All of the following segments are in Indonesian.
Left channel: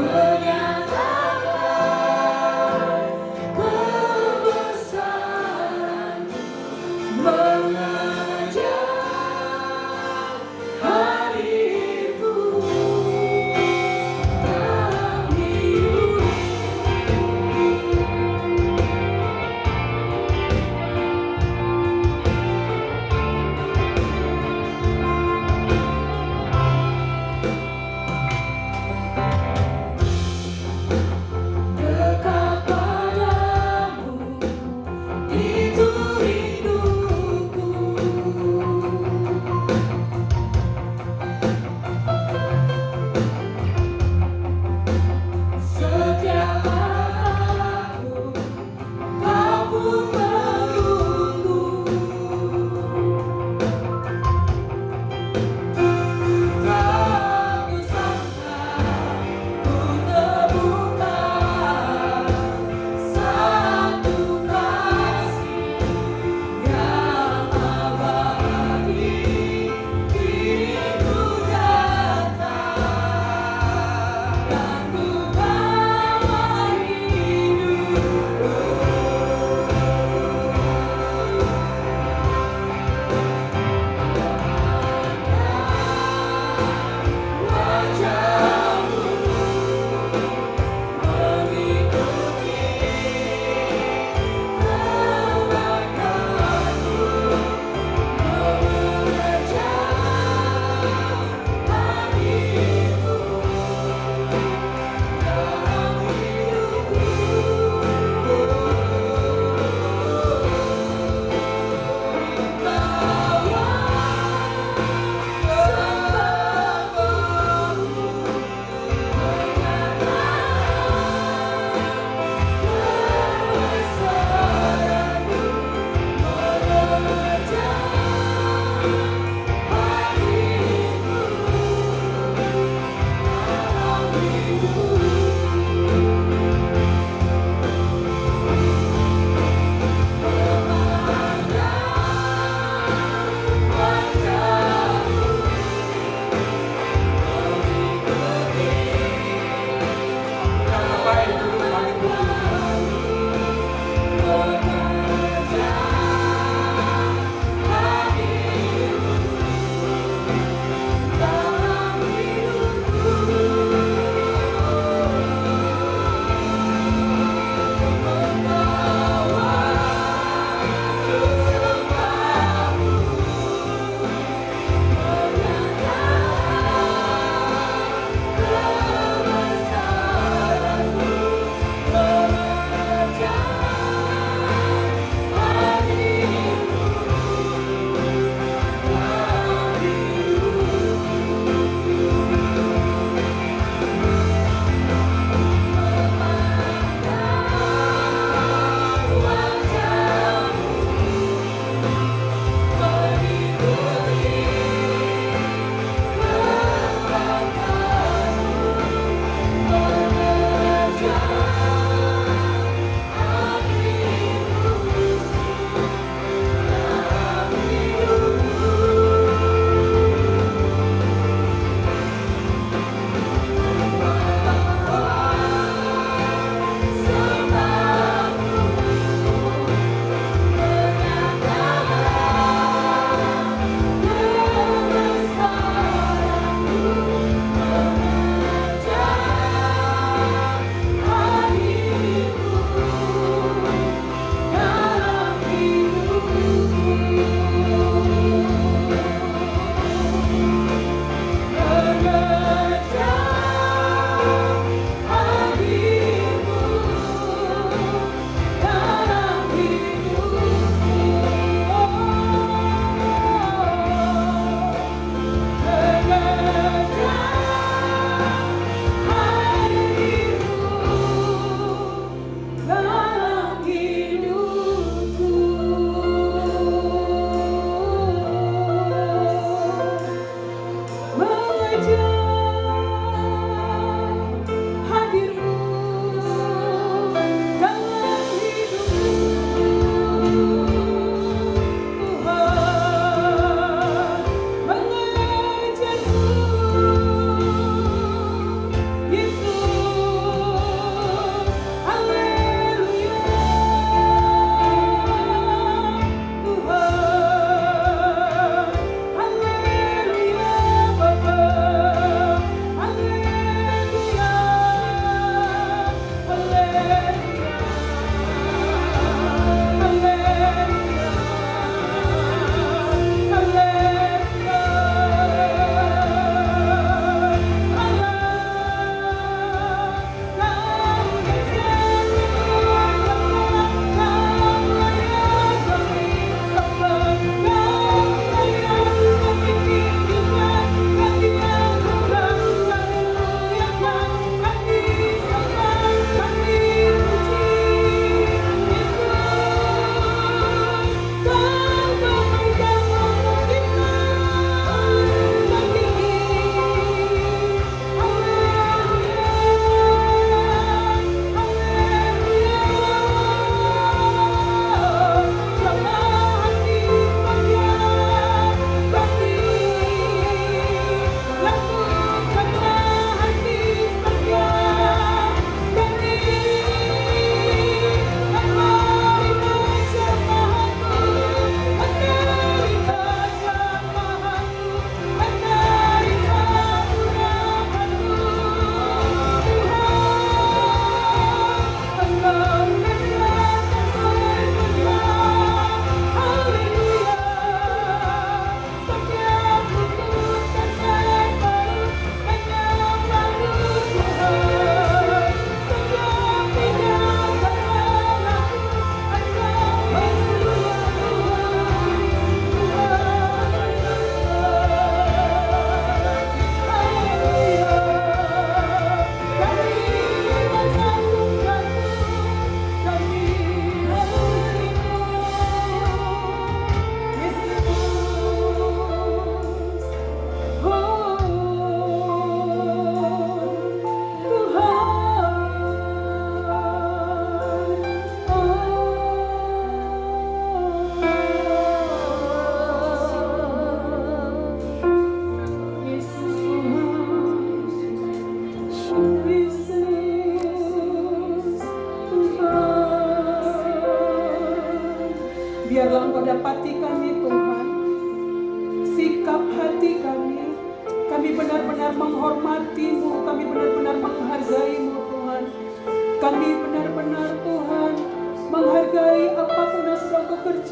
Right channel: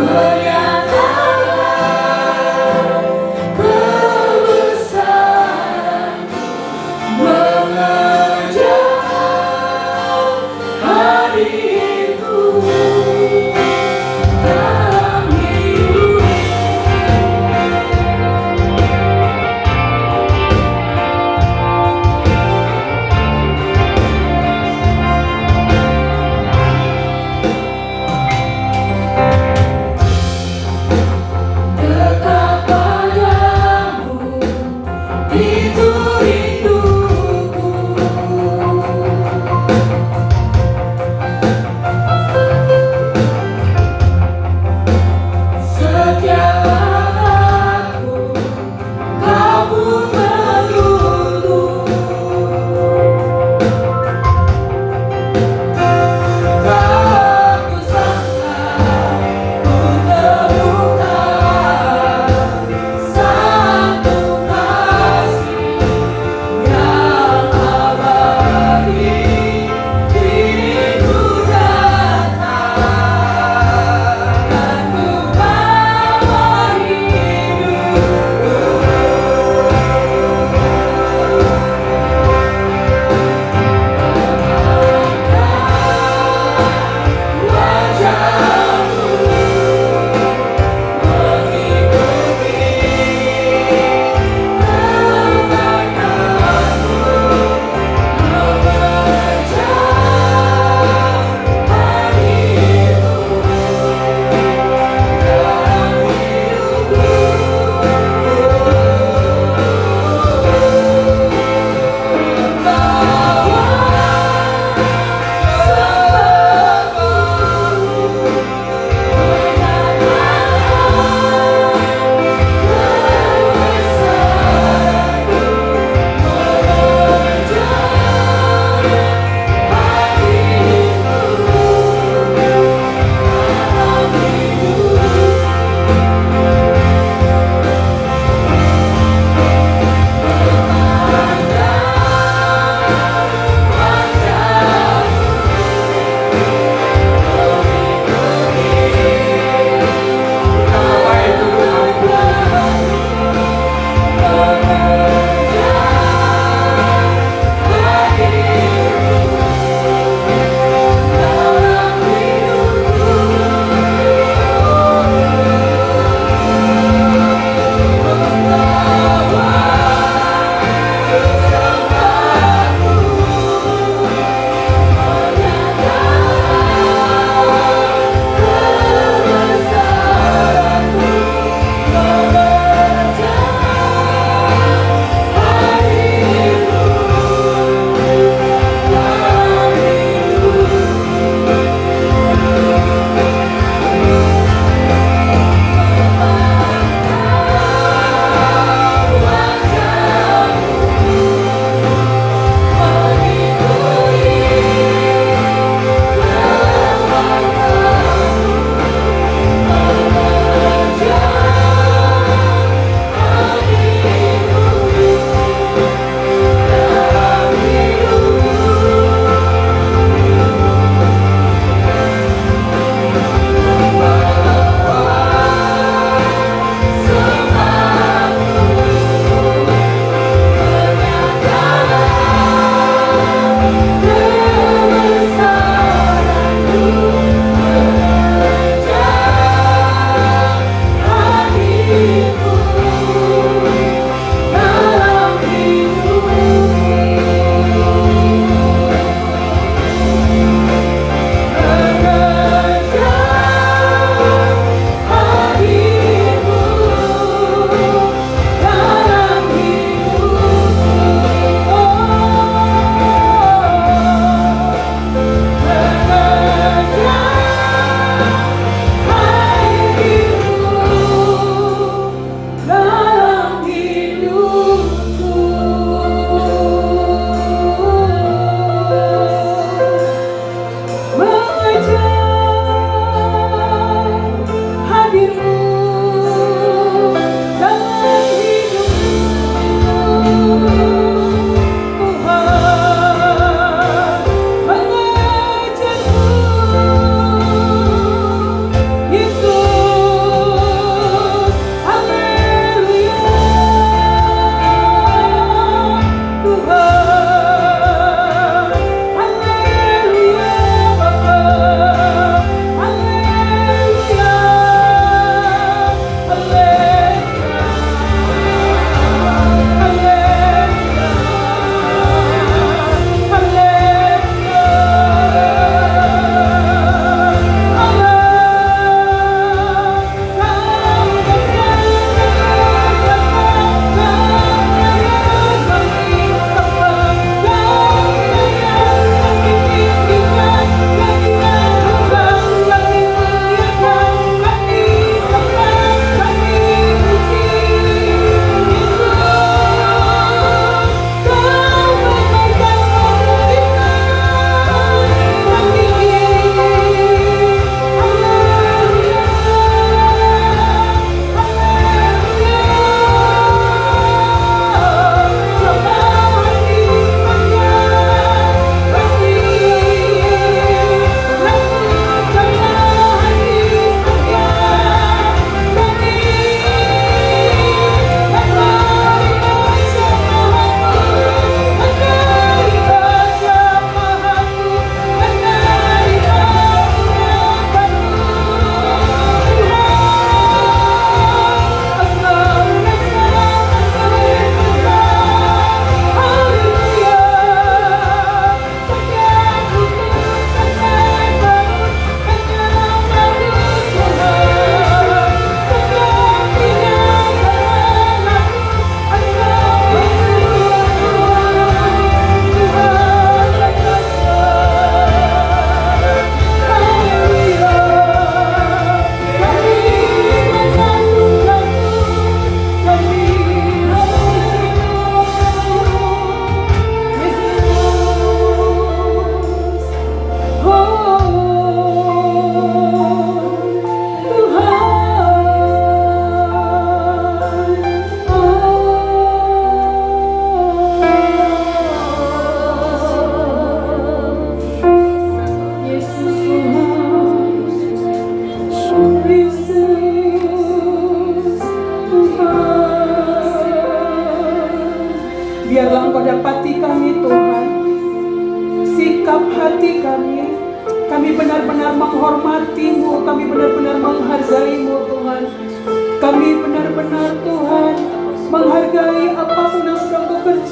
Menyatakan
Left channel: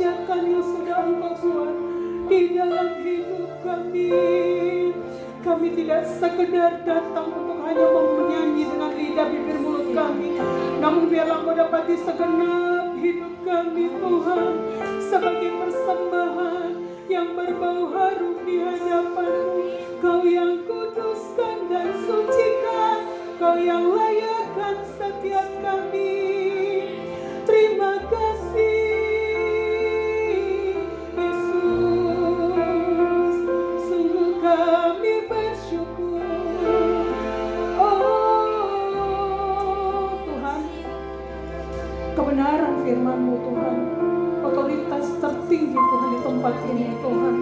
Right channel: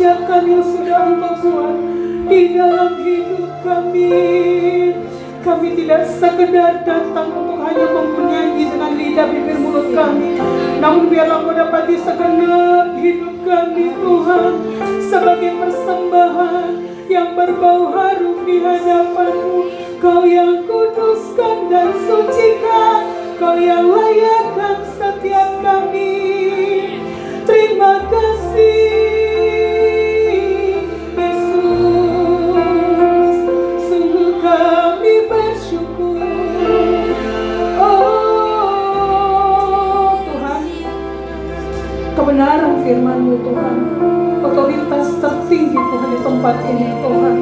kerjakan yang sudah Engkau buat di dalam hidup kami. Kami tidak sekedar datang untuk hanya menyanyi dengan lidah bibir mulut kami, namun biarlah mendapati segenap hidup kami Tuhan sebagai persembahan yang berbau harum di hadapan-Mu. Kau yang kuduskan dan sucikan, Kau yang layakkan setiap kami. Terima kasih Yesus, sungguh kami bersyukur. Oh Tuhan, kebenaran firman-Mu Tuhan, otoritas tertinggi Tuhan di tempat ini Tuhan.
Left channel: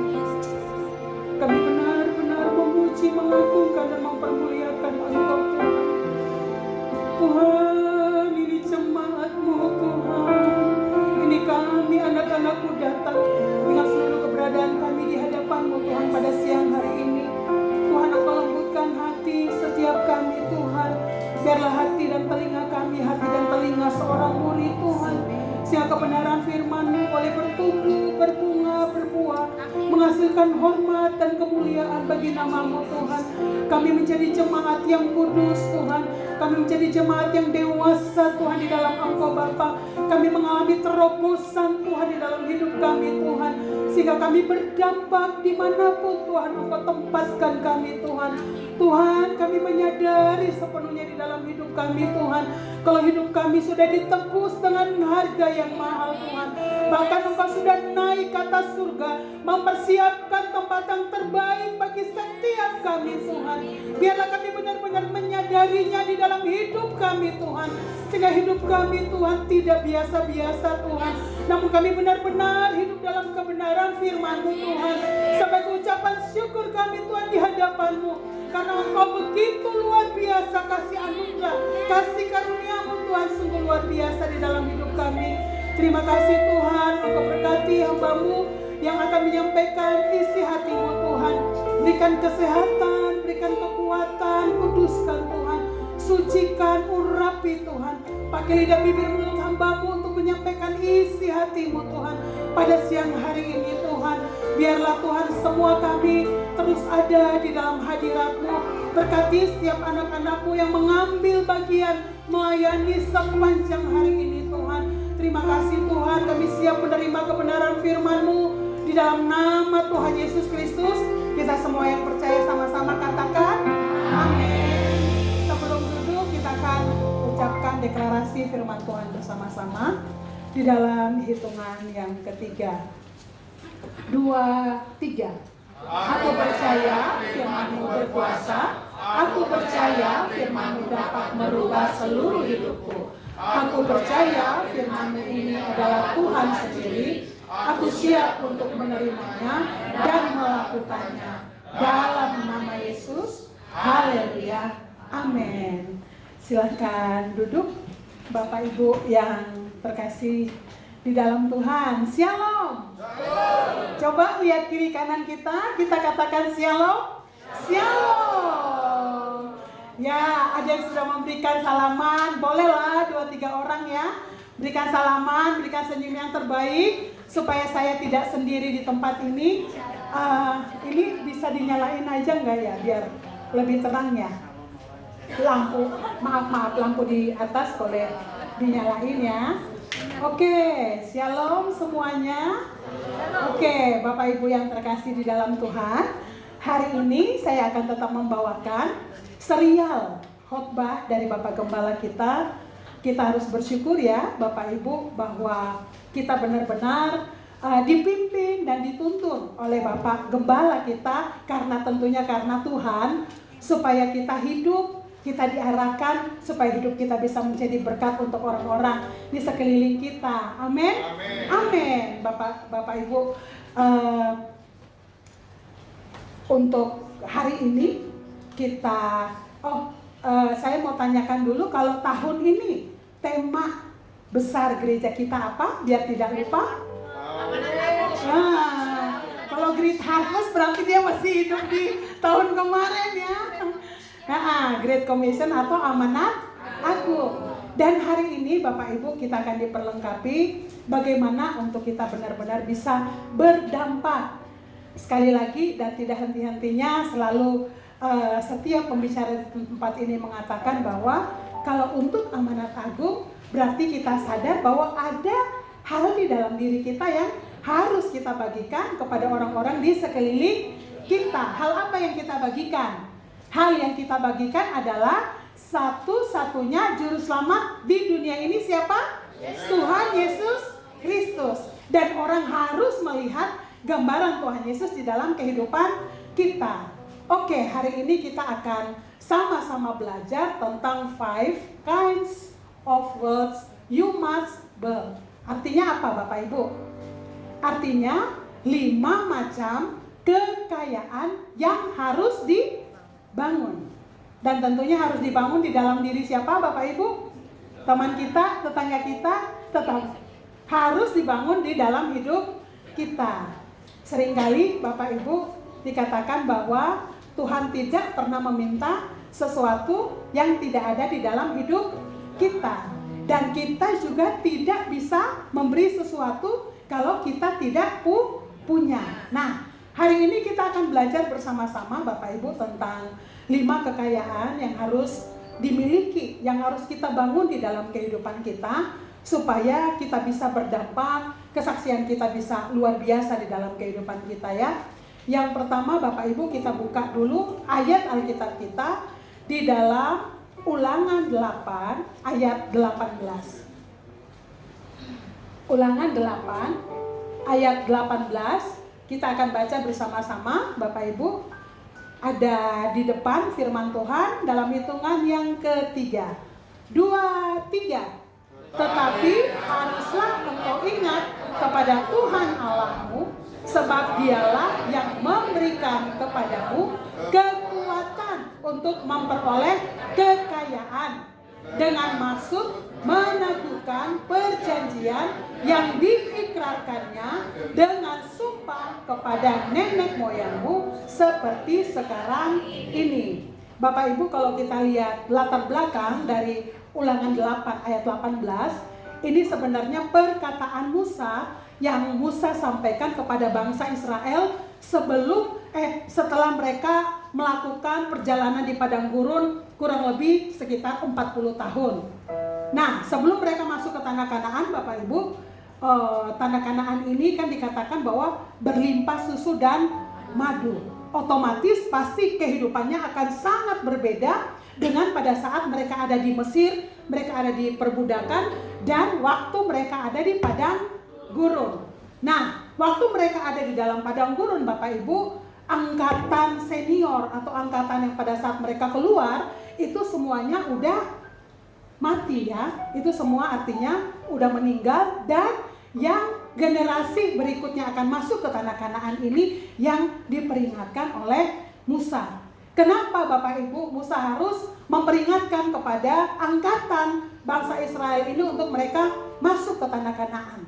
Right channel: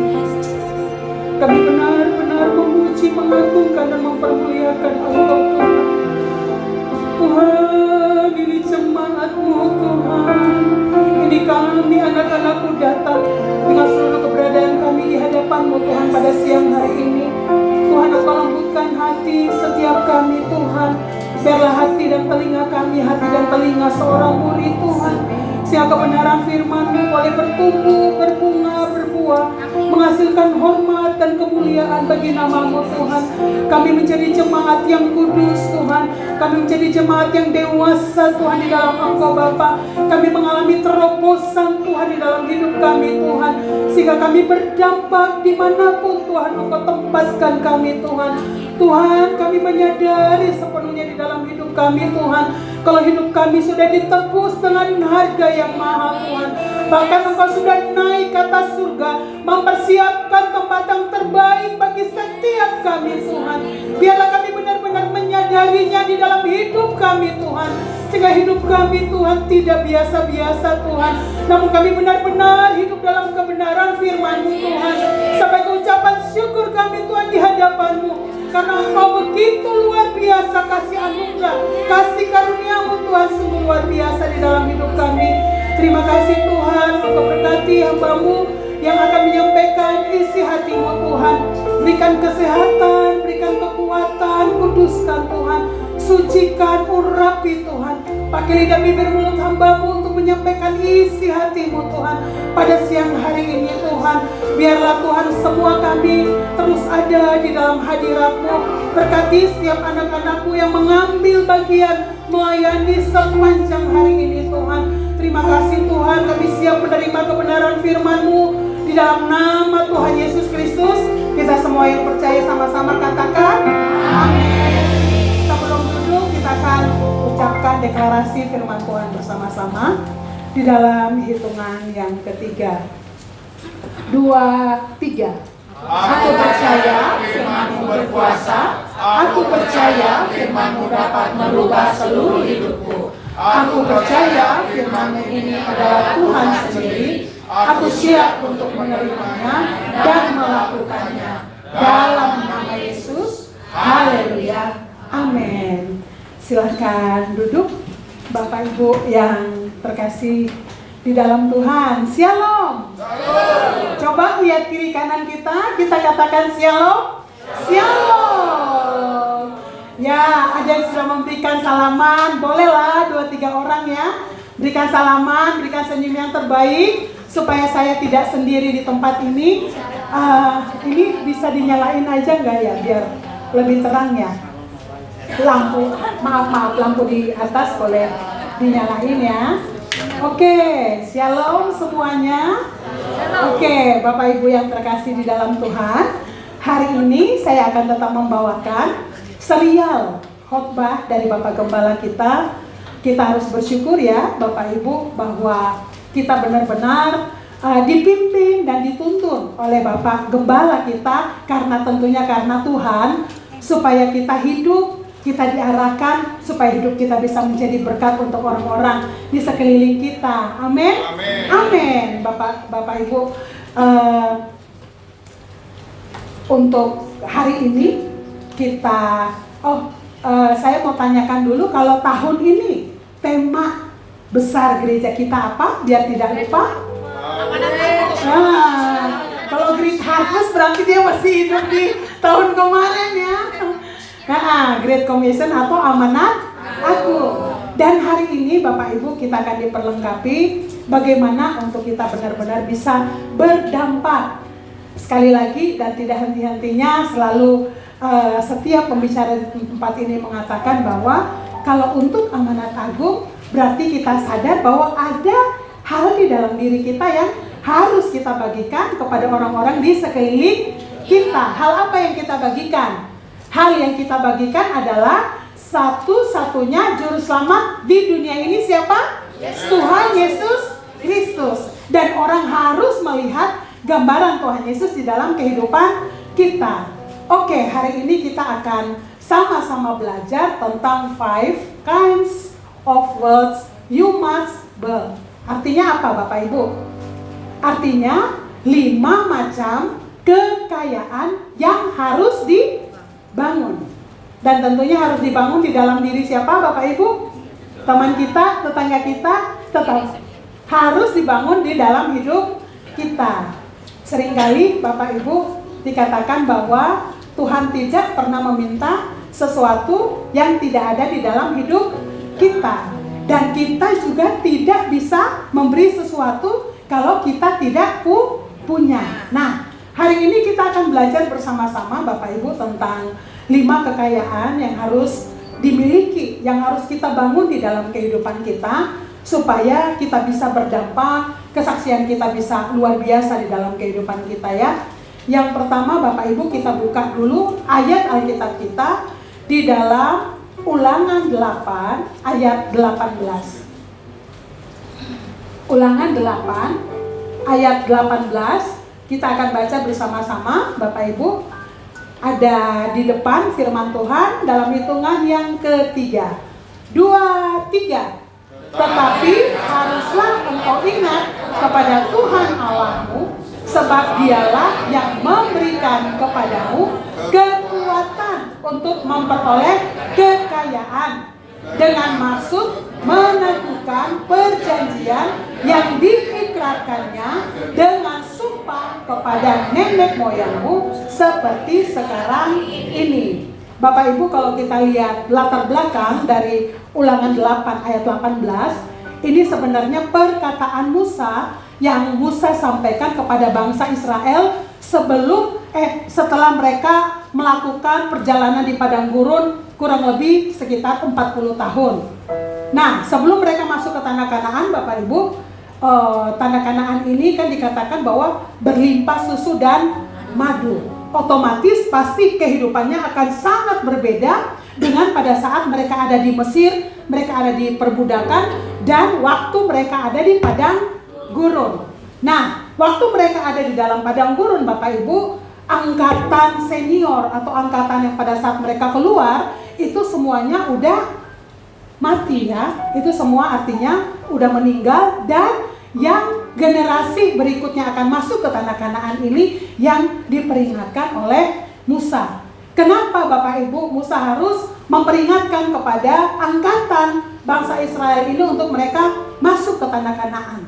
Kami benar-benar memuji, mengagungkan dan mempermuliakan Engkau Tuhan. Tuhan, ini jemaat-Mu Tuhan. Ini kami anak-anak-Mu datang dengan seluruh keberadaan kami di hadapan-Mu Tuhan pada siang hari ini. Tuhan, Engkau lembutkan hati setiap kami Tuhan. Biarlah hati dan telinga kami, hati dan telinga seorang murid Tuhan, sehingga kebenaran firman-Mu boleh bertumbuh, berbunga, berbuah, menghasilkan hormat dan kemuliaan bagi nama-Mu Tuhan. Kami menjadi jemaat yang kudus Tuhan. Kami menjadi jemaat yang dewasa Tuhan di dalam Engkau Bapa. Kami mengalami terobosan Tuhan di dalam hidup kami Tuhan, sehingga kami berdampak dimanapun Tuhan Engkau tempatkan kami Tuhan. Tuhan, kami menyadari sepenuhnya di dalam hidup kami Tuhan, kalau hidup kami sudah ditebus dengan harga yang mahal Tuhan. Bahkan Engkau sudah naik ke atas surga, mempersiapkan tempat yang terbaik bagi setiap kami Tuhan. Biarlah kami benar-benar menyadarinya di dalam hidup kami Tuhan, sehingga hidup kami Tuhan tidak biasa-biasa Tuhan, namun kami benar-benar hidup dalam kebenaran firman-Mu Tuhan. Sampai ucapan syukur kami Tuhan di hadapan-Mu, karena Engkau begitu luar biasa kasih anugerah, kasih karunia-Mu Tuhan sungguh luar biasa di dalam hidup kami. Terima kasih Tuhan, Engkau berkati hamba-Mu yang akan menyampaikan isi hati-Mu Tuhan. Berikan kesehatan, berikan kekuatan, kuduskan Tuhan, sucikan, urapi Tuhan. Pakai lidah bibir mulut hamba-Mu untuk menyampaikan isi hati-Mu Tuhan pada siang hari ini Tuhan. Biarlah Tuhan semua kami terus ada di dalam hadirat-Mu. Berkati setiap anak-anak-Mu yang mengambil bagian melayani sepanjang hari ini Tuhan. Terima kasih Tuhan, kami siap menerima kebenaran firman-Mu di dalam nama Tuhan Yesus Kristus. Kita semua yang percaya sama-sama katakan amin. Sebelum duduk kita akan ucapkan deklarasi firman Tuhan bersama-sama di dalam hitungan yang ketiga. 2, 3. Aku percaya firman-Mu berkuasa. Aku percaya firman-Mu dapat merubah seluruh hidupku. Aku percaya firman-Mu ini adalah Tuhan sendiri. Aku siap untuk menerimanya dan melakukannya. Dalam nama Yesus. Haleluya. Amin. Silakan duduk Bapak Ibu yang terkasih di dalam Tuhan. Shalom. Coba lihat kiri kanan kita katakan shalom. Shalom. Ya, ada yang sudah memberikan salaman, bolehlah 2-3 orang ya. Berikan salaman, berikan senyum yang terbaik supaya saya tidak sendiri di tempat ini. Ini bisa dinyalain aja nggak ya, biar lebih terang ya. Lampu, maaf, lampu di atas boleh dinyalain ya. Oke, shalom semuanya. Oke, Bapak Ibu yang terkasih di dalam Tuhan, hari ini saya akan tetap membawakan serial khotbah dari Bapak Gembala kita. Kita harus bersyukur ya Bapak Ibu bahwa kita benar-benar dipimpin dan dituntun oleh Bapak Gembala kita, karena tentunya karena Tuhan, supaya kita hidup, kita diarahkan supaya hidup kita bisa menjadi berkat untuk orang-orang di sekeliling kita. Amin. Amin. Bapak Ibu, untuk hari ini kita saya mau tanyakan dulu, kalau tahun ini tema besar gereja kita apa? Biar tidak lupa. Kalau Great Harvest berarti dia masih hidup di tahun kemarin ya. Great Commission atau amanat aku. Dan hari ini Bapak Ibu kita akan diperlengkapi bagaimana untuk kita benar-benar bisa berdampak. Sekali lagi dan tidak henti-hentinya selalu setiap pembicara di tempat ini mengatakan bahwa kalau untuk amanat agung berarti kita sadar bahwa ada hal di dalam diri kita yang harus kita bagikan kepada orang-orang di sekeliling kita. Hal apa yang kita bagikan? Hal yang kita bagikan adalah satu-satunya juru selamat di dunia ini siapa? Tuhan Yesus Kristus. Dan orang harus melihat gambaran Tuhan Yesus di dalam kehidupan kita. Oke, hari ini kita akan sama-sama belajar tentang 5 kinds of words you must build. Artinya apa Bapak Ibu? Artinya 5 macam kekayaan yang harus dibangun. Dan tentunya harus dibangun di dalam diri siapa Bapak Ibu? Teman kita, tetangga kita, tetap harus dibangun di dalam hidup kita. Seringkali Bapak Ibu dikatakan bahwa Tuhan tidak pernah meminta sesuatu yang tidak ada di dalam hidup kita. Dan kita juga tidak bisa memberi sesuatu kalau kita tidak punya. Nah, hari ini kita akan belajar bersama-sama Bapak Ibu tentang 5 kekayaan yang harus dimiliki, yang harus kita bangun di dalam kehidupan kita supaya kita bisa berdampak, kesaksian kita bisa luar biasa di dalam kehidupan kita ya. Yang pertama Bapak Ibu kita buka dulu ayat Alkitab kita di dalam Ulangan 8 ayat 18. Ulangan 8 ayat 18 kita akan baca bersama-sama Bapak Ibu. Ada di depan firman Tuhan dalam hitungan yang ketiga. 2, 3. Tetapi haruslah engkau ingat kepada Tuhan Allahmu, sebab dialah yang memberikan kepadamu kekuatan untuk memperoleh kekayaan dengan maksud meneguhkan perjanjian yang diikrarkannya dengan sumpah kepada nenek moyangmu seperti sekarang ini. Bapak Ibu kalau kita lihat latar belakang dari Ulangan 8 ayat 18, ini sebenarnya perkataan Musa yang Musa sampaikan kepada bangsa Israel setelah mereka melakukan perjalanan di padang gurun kurang lebih sekitar 40 tahun. Nah, sebelum mereka masuk ke tanah Kanaan, Bapak Ibu, tanah Kanaan ini kan dikatakan bahwa berlimpah susu dan madu. Otomatis pasti kehidupannya akan sangat berbeda dengan pada saat mereka ada di Mesir, mereka ada di perbudakan, dan waktu mereka ada di padang gurun. Nah, waktu mereka ada di dalam padang gurun, Bapak Ibu, angkatan senior atau angkatan yang pada saat mereka keluar itu semuanya udah mati ya. Itu semua artinya udah meninggal, dan yang generasi berikutnya akan masuk ke tanah Kanaan ini yang diperingatkan oleh Musa. Kenapa Bapak Ibu Musa harus memperingatkan kepada angkatan bangsa Israel ini untuk mereka masuk ke tanah Kanaan?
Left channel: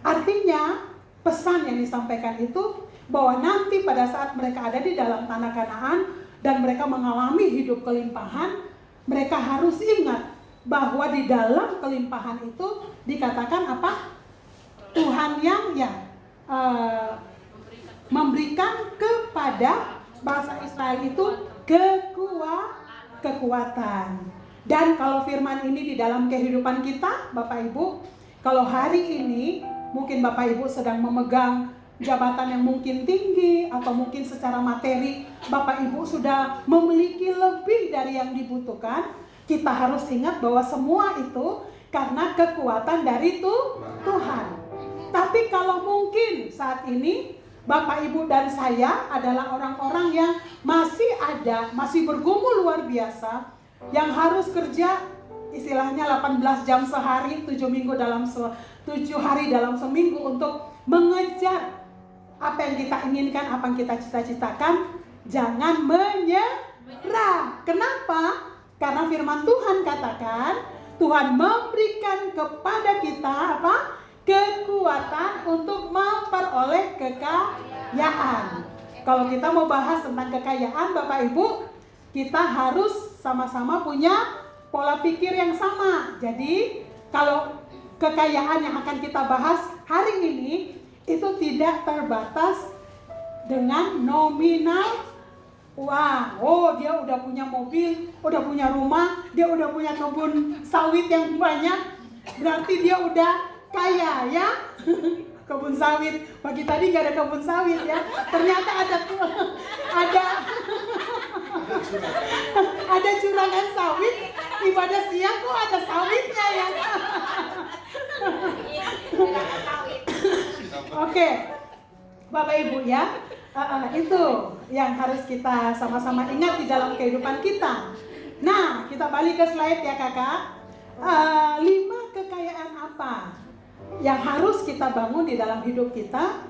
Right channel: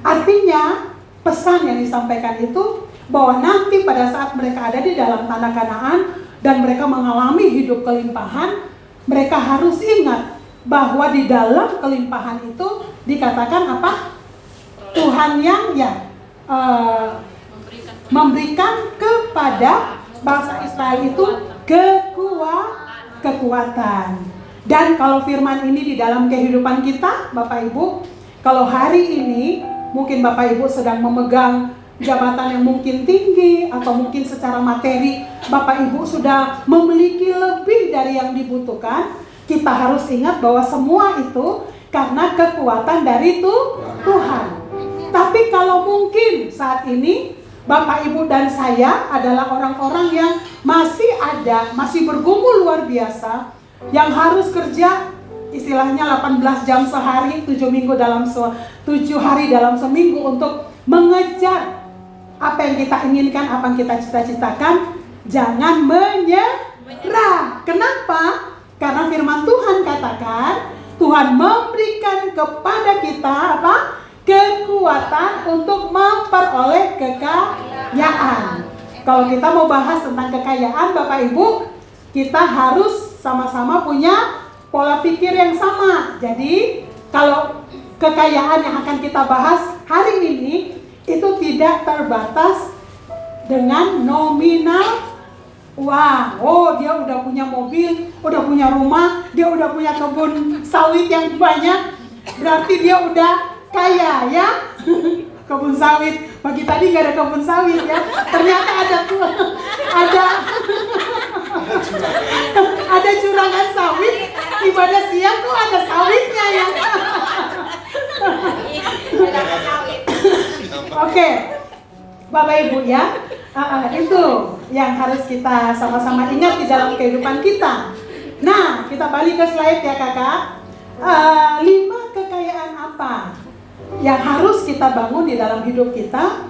Artinya pesan yang disampaikan itu bahwa nanti pada saat mereka ada di dalam tanah Kanaan dan mereka mengalami hidup kelimpahan, mereka harus ingat bahwa di dalam kelimpahan itu dikatakan apa? Tuhan yang memberikan kepada bangsa Israel itu kekuatan. Dan kalau firman ini di dalam kehidupan kita, Bapak Ibu, kalau hari ini mungkin Bapak Ibu sedang memegang jabatan yang mungkin tinggi atau mungkin secara materi Bapak Ibu sudah memiliki lebih dari yang dibutuhkan, kita harus ingat bahwa semua itu karena kekuatan dari Tuhan. Tapi kalau mungkin saat ini Bapak Ibu dan saya adalah orang-orang yang masih bergumul luar biasa, yang harus kerja istilahnya 18 jam sehari, 7 hari dalam seminggu untuk mengejar apa yang kita inginkan, apa yang kita cita-citakan. Jangan menyerah. Kenapa? Karena firman Tuhan katakan Tuhan memberikan kepada kita apa? Kekuatan untuk memperoleh kekayaan. Kalau kita mau bahas tentang kekayaan Bapak Ibu, kita harus sama-sama punya pola pikir yang sama. jadi kalau kekayaan yang akan kita bahas hari ini itu tidak terbatas dengan nominal uang. Oh, dia udah punya mobil, udah punya rumah, dia udah punya kebun sawit yang banyak, berarti dia udah kaya ya. Kebun sawit, pagi tadi nggak ada kebun sawit ya, ternyata ada curangan sawit, ibadah siang kok ada sawitnya ya. Oke, Bapak Ibu ya, itu yang harus kita sama-sama ingat di dalam kehidupan kita. Nah, kita balik ke slide ya kakak. 5 kekayaan apa yang harus kita bangun di dalam hidup kita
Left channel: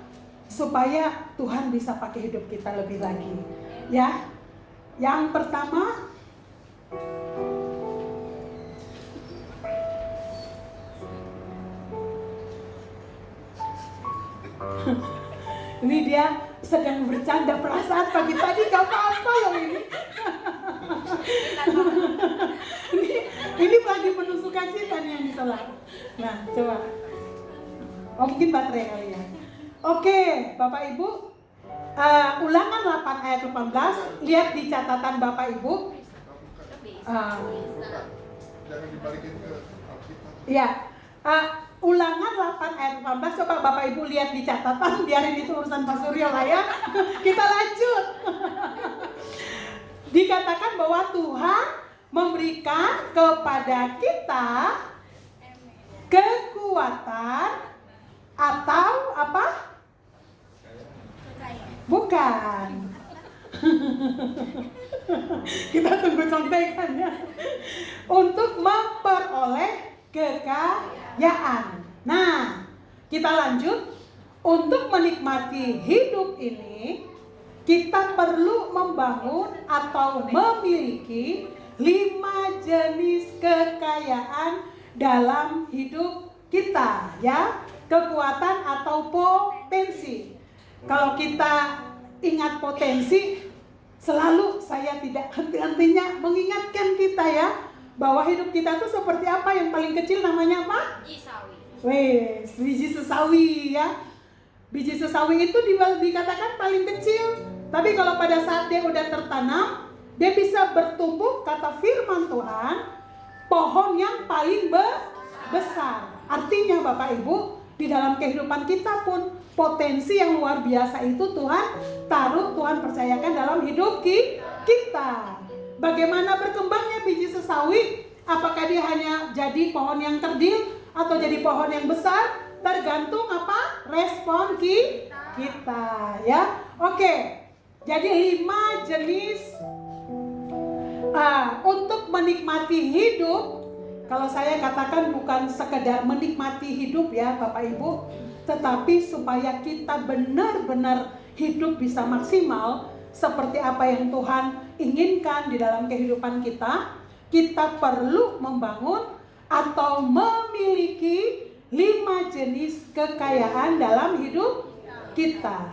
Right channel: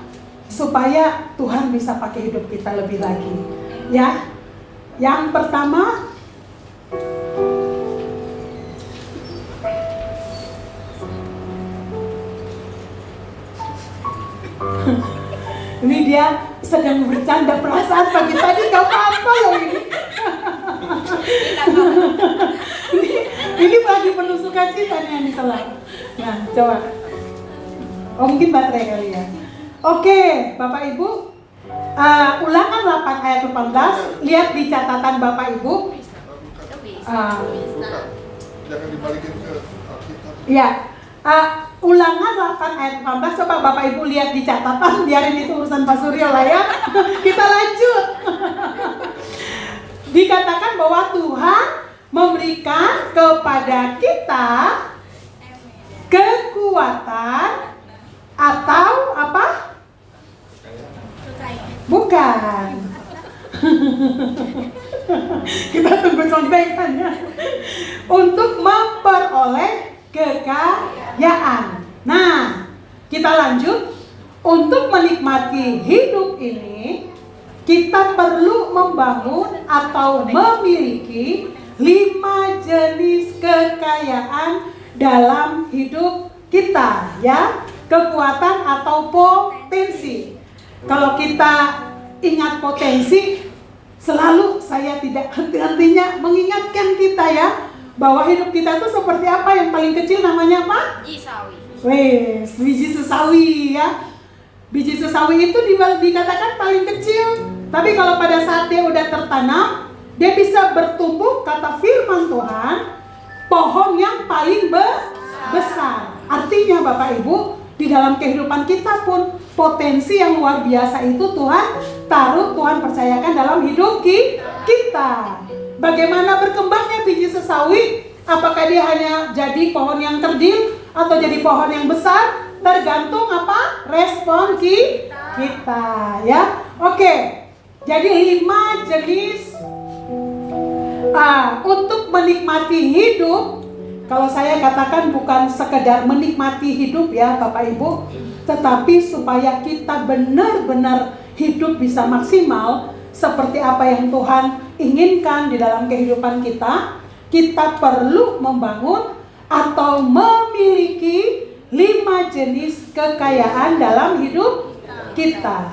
supaya Tuhan bisa pakai hidup kita lebih lagi ya. Yang pertama, ini dia sedang bercanda, perasaan pagi tadi gak apa-apa loh ini. Ini lagi penuh sukacita nih yang diselah. Nah, coba. Oh, mungkin baterai kali ya. Oke, Bapak Ibu, Ulangan 8 ayat 18, lihat di catatan Bapak Ibu. Jangan dibalikin ke Alkitab. Ya, Ulangan 8 ayat 18, coba Bapak Ibu lihat di catatan, biarin itu urusan Pak Suryo lah ya. Kita lanjut. Dikatakan bahwa Tuhan memberikan kepada kita kekuatan atau apa? Bukan. Kita tunggu contekannya. Untuk memperoleh kekayaan. Nah, kita lanjut. Untuk menikmati hidup ini, kita perlu membangun atau memiliki 5 jenis kekayaan dalam hidup kita, ya. Kekuatan atau potensi. Kalau kita ingat potensi, selalu saya tidak henti-hentinya mengingatkan kita ya, bahwa hidup kita itu seperti apa. Yang paling kecil namanya apa? Biji sawi. Wes, biji sesawi ya. Biji sesawi itu dikatakan paling kecil, tapi kalau pada saat dia udah tertanam, dia bisa bertumbuh, kata firman Tuhan, pohon yang paling besar. Artinya Bapak Ibu, di dalam kehidupan kita pun potensi yang luar biasa itu Tuhan taruh, Tuhan percayakan dalam hidup kita. Bagaimana berkembangnya biji sesawi? Apakah dia hanya jadi pohon yang kerdil atau jadi pohon yang besar? Tergantung apa? Respon kita ya. Oke. Jadi 5 jenis untuk menikmati hidup. Kalau saya katakan bukan sekedar menikmati hidup ya Bapak Ibu, tetapi supaya kita benar-benar hidup bisa maksimal seperti apa yang Tuhan inginkan di dalam kehidupan kita, kita perlu membangun atau memiliki 5 jenis kekayaan dalam hidup kita.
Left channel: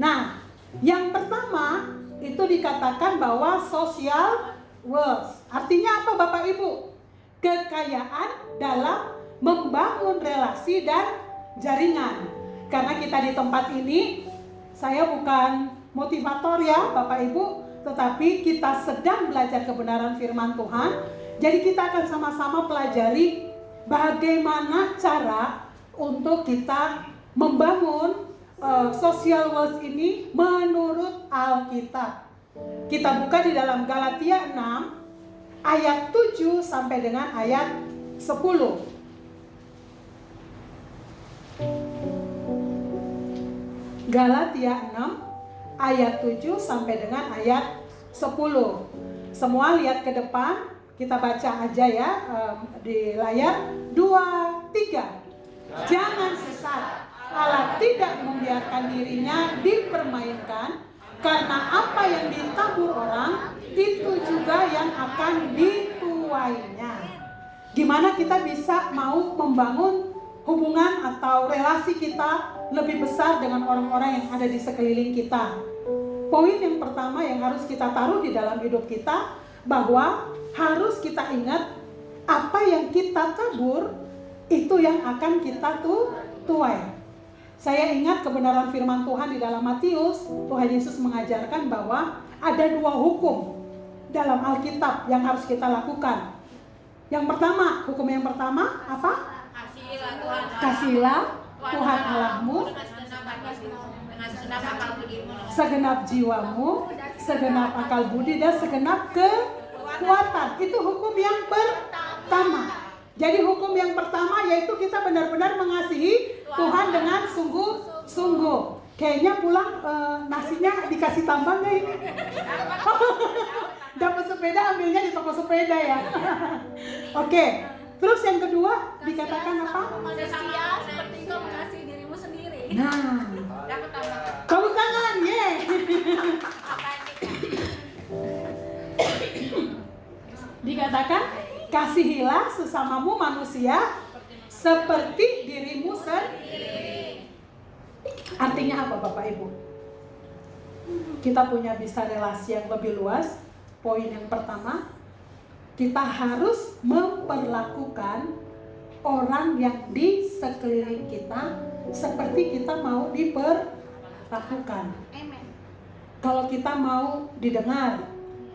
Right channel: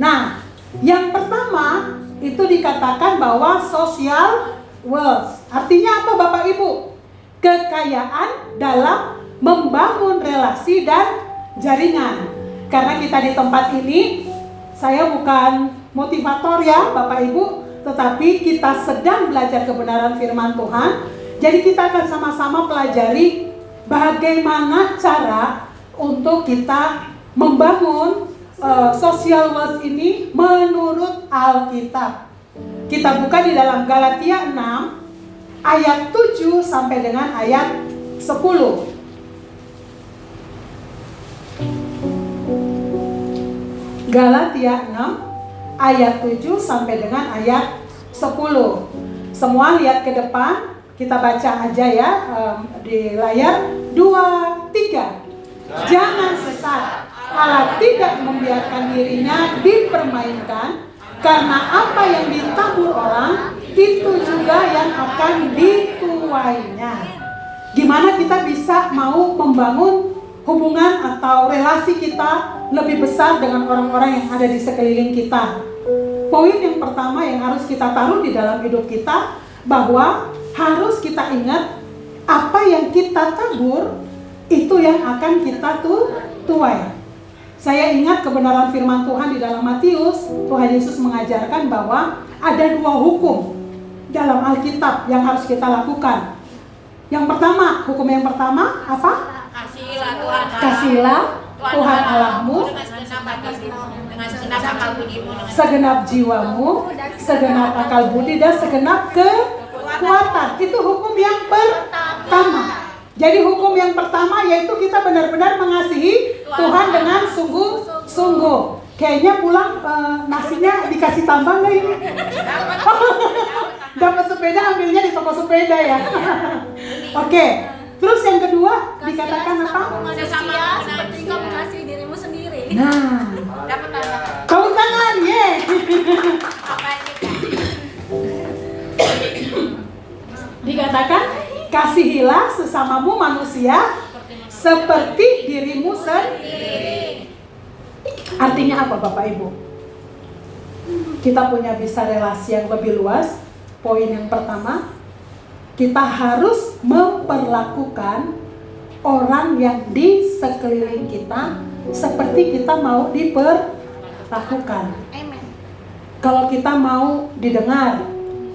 Nah, yang pertama itu dikatakan bahwa social wealth. Artinya apa Bapak Ibu? Kekayaan dalam membangun relasi dan jaringan. Karena kita di tempat ini, saya bukan motivator ya Bapak Ibu, tetapi kita sedang belajar kebenaran firman Tuhan. Jadi kita akan sama-sama pelajari bagaimana cara untuk kita membangun social wealth ini menurut Alkitab. Kita buka di dalam Galatia 6 ayat 7 sampai dengan ayat 10. Galatia 6 ayat 7 sampai dengan ayat 10. Semua lihat ke depan, kita baca aja ya di layar. 2, 3. Jangan sesat, Allah tidak membiarkan dirinya dipermainkan, karena apa yang ditabur orang itu juga yang akan dituainya. Gimana kita bisa mau membangun hubungan atau relasi kita lebih besar dengan orang-orang yang ada di sekeliling kita? Poin yang pertama yang harus kita taruh di dalam hidup kita, bahwa harus kita ingat apa yang kita kita tabur, itu yang akan kita tuai. Saya ingat kebenaran firman Tuhan di dalam Matius. Tuhan Yesus mengajarkan bahwa ada 2 hukum dalam Alkitab yang harus kita lakukan. Yang pertama, hukum yang pertama apa? Kasihilah Tuhan Allahmu segenap jiwamu, segenap akal budi, dan segenap kekuatan. Itu hukum yang pertama. Jadi hukum yang pertama yaitu kita benar-benar mengasihi Tuhan dengan sungguh-sungguh. Kayaknya pulang nasinya dikasih tambah nggak ini? Dapat sepeda ambilnya di toko sepeda ya. Oke. Terus yang kedua dikatakan apa? Manusia seperti kau mengasihi dirimu sendiri. Nah, tepuk tangan, ye. Dikatakan kasihilah sesamamu manusia seperti dirimu sendiri. Artinya apa Bapak Ibu? Kita punya bisa relasi yang lebih luas. Poin yang pertama, kita harus memperlakukan orang yang di sekeliling kita seperti kita mau diperlakukan. Amen. Kalau kita mau didengar,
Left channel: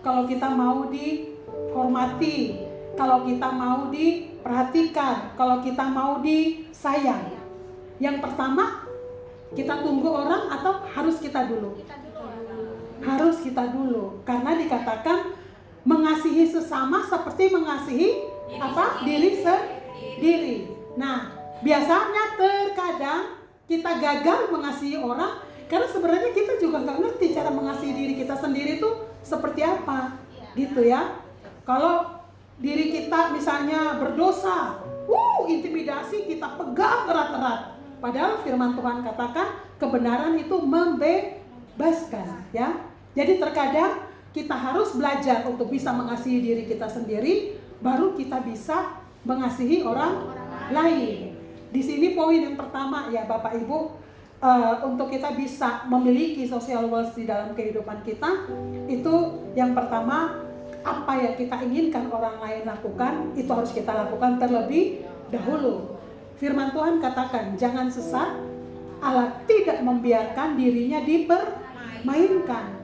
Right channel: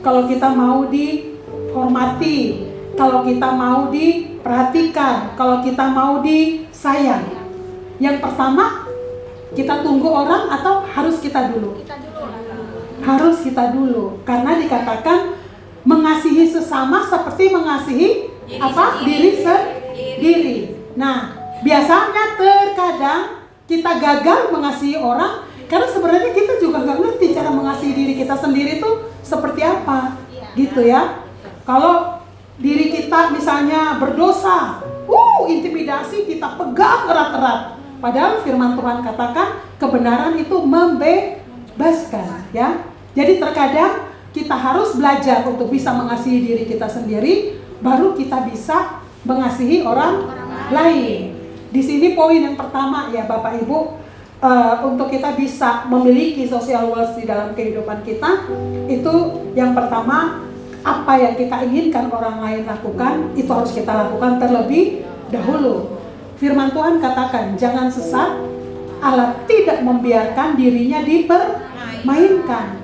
kalau kita mau dihormati, kalau kita mau diperhatikan, kalau kita mau disayang. Yang pertama, kita tunggu orang atau harus kita dulu? Kita dulu lah. Harus kita dulu, karena dikatakan mengasihi sesama seperti mengasihi diri sendiri. Nah, biasanya terkadang kita gagal mengasihi orang karena sebenarnya kita juga nggak ngerti cara mengasihi diri kita sendiri itu seperti apa, gitu ya. Kalau diri kita misalnya berdosa, intimidasi, kita pegang erat-erat. Padahal firman Tuhan katakan kebenaran itu membebaskan, ya. Jadi terkadang kita harus belajar untuk bisa mengasihi diri kita sendiri, baru kita bisa mengasihi orang lain. Di sini poin yang pertama ya Bapak Ibu, untuk kita bisa memiliki social wealth di dalam kehidupan kita, itu yang pertama, apa yang kita inginkan orang lain lakukan, itu harus kita lakukan terlebih dahulu. Firman Tuhan katakan, jangan sesat, Allah tidak membiarkan dirinya dipermainkan.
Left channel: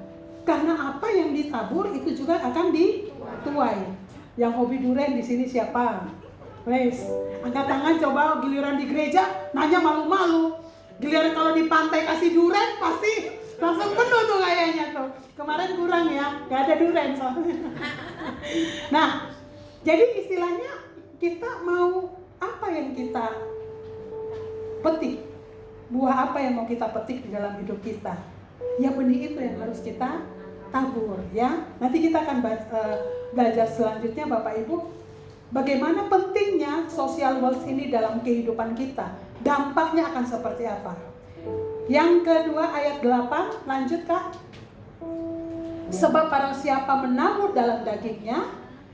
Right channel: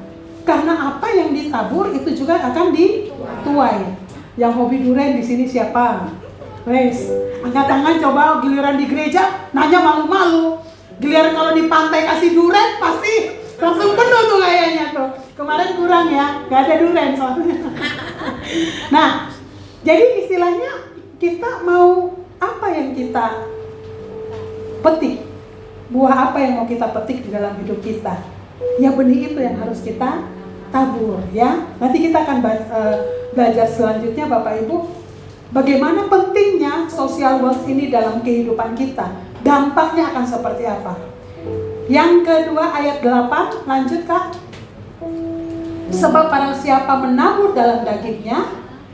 Karena apa yang ditabur itu juga akan dituai. Yang hobi durian di sini siapa? Wes, angkat tangan coba. Giliran di gereja nanya malu-malu. Giliran kalau di pantai kasih durian pasti langsung penuh tuh kayaknya tuh. Kemarin kurang ya, gak ada durian soalnya. Nah, jadi istilahnya kita mau apa yang kita petik? Buah apa yang mau kita petik di dalam hidup kita? Ya benih itu yang harus kita tabur, ya. Nanti kita akan belajar selanjutnya Bapak Ibu, bagaimana pentingnya social wealth ini dalam kehidupan kita. Dampaknya akan seperti apa? Yang kedua ayat 8, lanjut Kak. Sebab barang siapa menabur dalam dagingnya,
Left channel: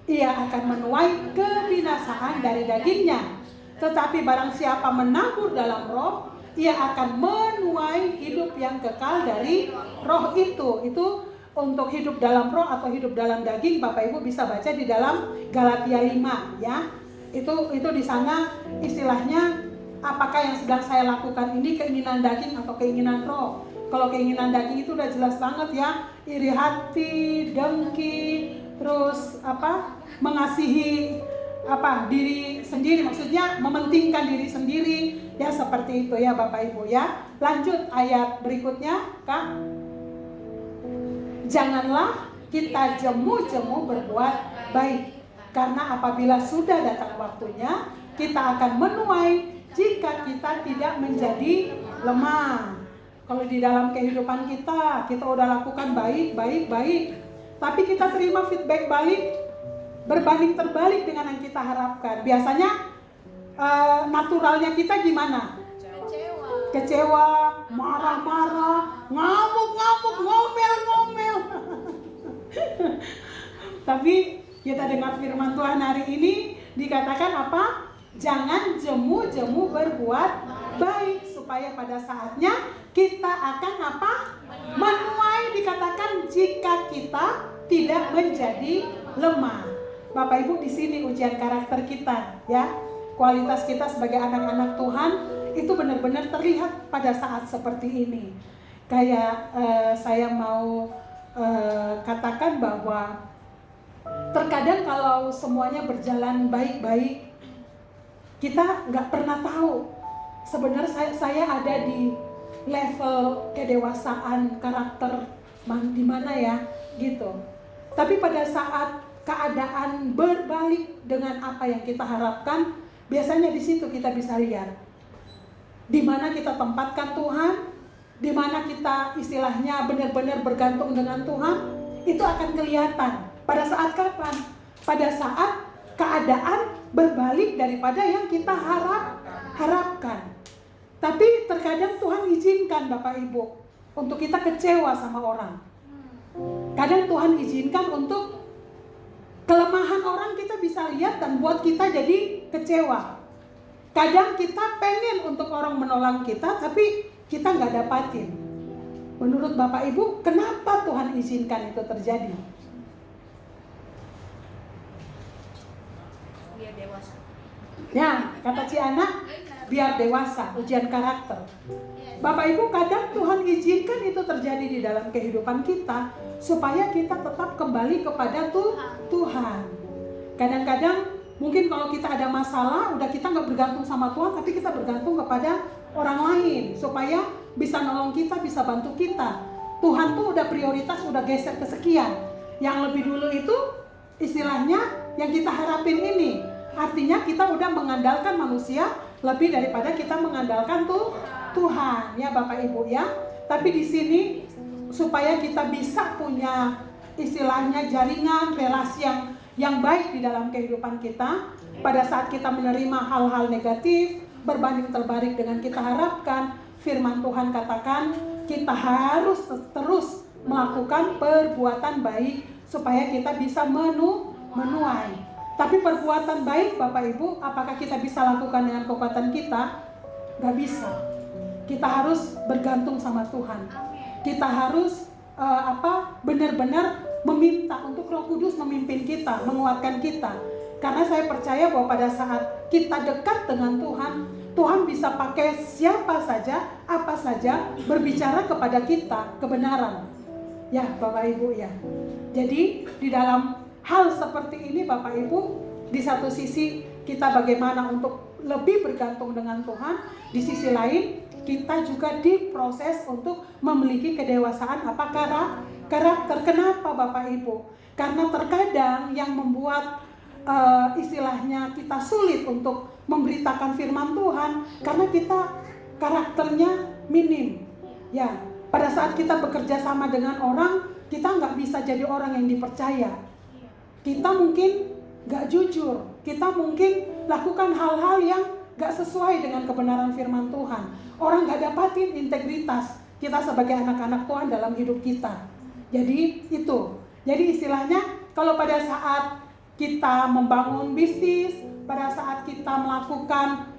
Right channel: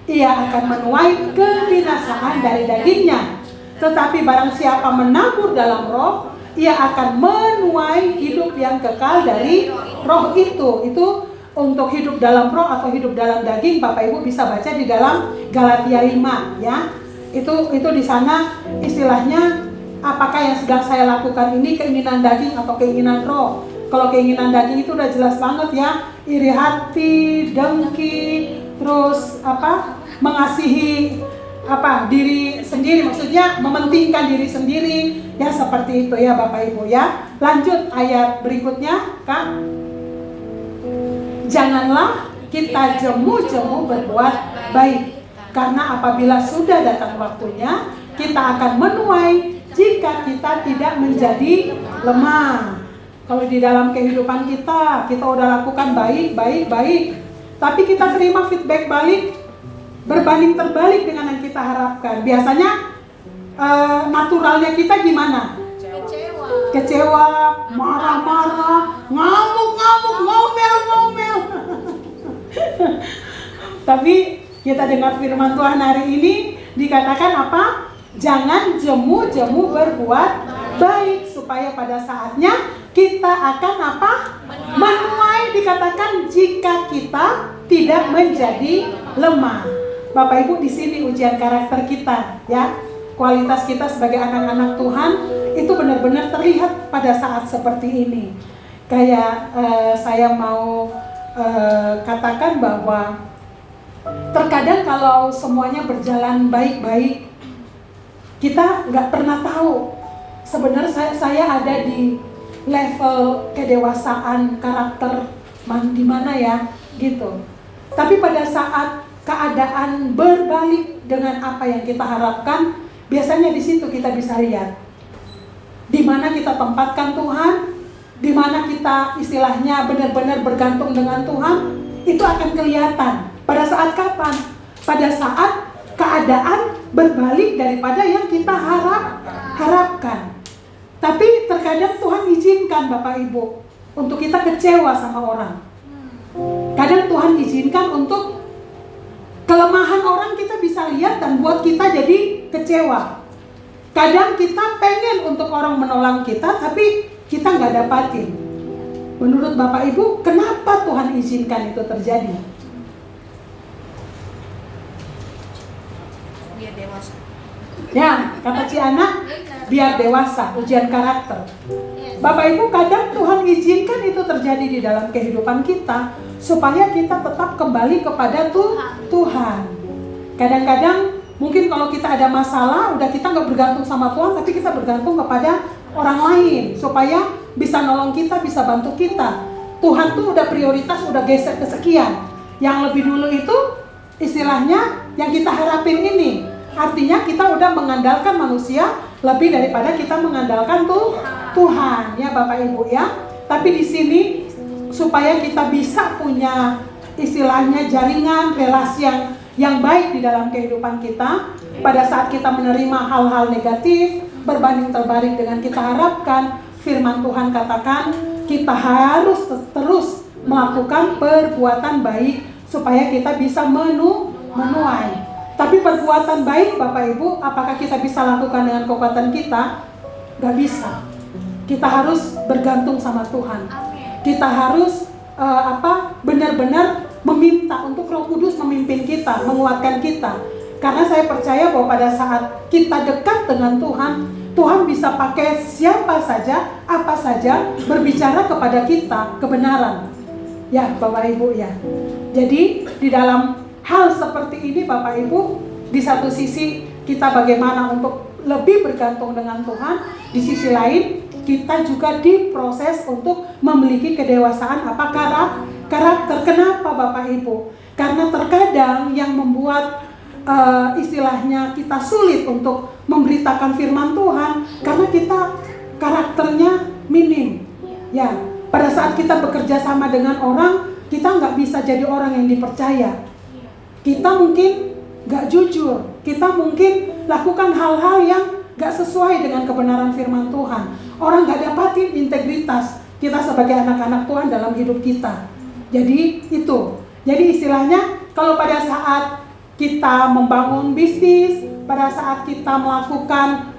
ia akan menuai kebinasaan dari dagingnya. Tetapi barang siapa menabur dalam roh, ia akan menuai hidup yang kekal dari roh itu. Itu untuk hidup dalam roh atau hidup dalam daging, Bapak Ibu bisa baca di dalam Galatia 5 ya. Itu di sana istilahnya, apakah yang sedang saya lakukan ini keinginan daging atau keinginan roh. Kalau keinginan daging itu udah jelas banget ya, iri hati, dengki, terus mengasihi diri sendiri, maksudnya mementingkan diri sendiri ya, seperti itu ya Bapak Ibu ya. Lanjut ayat berikutnya Kak. Janganlah kita jemu-jemu berbuat baik, karena apabila sudah datang waktunya kita akan menuai jika kita tidak menjadi lemah. Kalau di dalam kehidupan kita udah lakukan baik, tapi kita terima feedback balik berbanding terbalik dengan yang kita harapkan. Biasanya naturalnya kita gimana? Kecewa, marah-marah, ngamuk-ngamuk, ngomel. Tapi kita dengar firman Tuhan hari ini dikatakan apa? Jangan jemu-jemu berbuat baik, supaya pada saatnya kita akan menuai. Dikatakan jika kita tidak menjadi lemah. Bapak Ibu, di sini ujian karakter kita, ya. Kualitas kita sebagai anak-anak Tuhan itu benar-benar terlihat pada saat seperti ini. Kayak saya mau katakan bahwa terkadang kalau semuanya berjalan baik-baik, kita nggak pernah tahu sebenarnya saya ada di level kedewasaan karakter di mana ya, gitu. Tapi pada saat keadaan berbalik dengan apa yang kita harapkan, biasanya di situ kita bisa lihat di mana kita tempatkan Tuhan, di mana kita istilahnya benar-benar bergantung dengan Tuhan, itu akan kelihatan. Pada saat kapan? Pada saat keadaan berbalik daripada yang kita harapkan. Tapi terkadang Tuhan izinkan Bapak Ibu untuk kita kecewa sama orang. Kadang Tuhan izinkan untuk kelemahan orang kita bisa lihat dan buat kita jadi kecewa. Kadang kita pengen untuk orang menolong kita, tapi kita nggak dapatin. Menurut Bapak Ibu, kenapa Tuhan izinkan itu terjadi? Biar dewasa. Ya, kata Ciana, biar dewasa, ujian karakter. Bapak Ibu, kadang Tuhan izinkan itu terjadi di dalam kehidupan kita supaya kita tetap kembali kepada Tuhan. Kadang-kadang mungkin kalau kita ada masalah, udah kita nggak bergantung sama Tuhan, tapi kita bergantung kepada orang lain supaya bisa nolong kita, bisa bantu kita. Tuhan tuh udah prioritas, udah geser ke sekian. Yang lebih dulu itu istilahnya yang kita harapin ini. Artinya kita udah mengandalkan manusia lebih daripada kita mengandalkan Tuhan, ya Bapak Ibu ya. Tapi di sini supaya kita bisa punya istilahnya jaringan relasi yang baik di dalam kehidupan kita, pada saat kita menerima hal-hal negatif berbanding terbalik dengan kita harapkan, firman Tuhan katakan kita harus terus melakukan perbuatan baik supaya kita bisa menuai. Tapi perbuatan baik Bapak Ibu, apakah kita bisa lakukan dengan kekuatan kita? Gak bisa. Kita harus bergantung sama Tuhan. Kita harus benar-benar meminta untuk Roh Kudus memimpin kita, menguatkan kita. Karena saya percaya bahwa pada saat kita dekat dengan Tuhan, Tuhan bisa pakai siapa saja, apa saja, berbicara kepada kita kebenaran. Ya Bapak Ibu ya. Jadi di dalam hal seperti ini Bapak Ibu, di satu sisi kita bagaimana untuk lebih bergantung dengan Tuhan, di sisi lain kita juga diproses untuk memiliki kedewasaan karakter. Kenapa Bapak Ibu? Karena terkadang yang membuat istilahnya kita sulit untuk memberitakan firman Tuhan karena kita karakternya minim. Ya, pada saat kita bekerja sama dengan orang, kita nggak bisa jadi orang yang dipercaya. Kita mungkin gak jujur, kita mungkin lakukan hal-hal yang gak sesuai dengan kebenaran firman Tuhan. Orang gak dapatin integritas kita sebagai anak-anak Tuhan dalam hidup kita. Jadi itu, jadi istilahnya kalau pada saat kita membangun bisnis, pada saat kita melakukan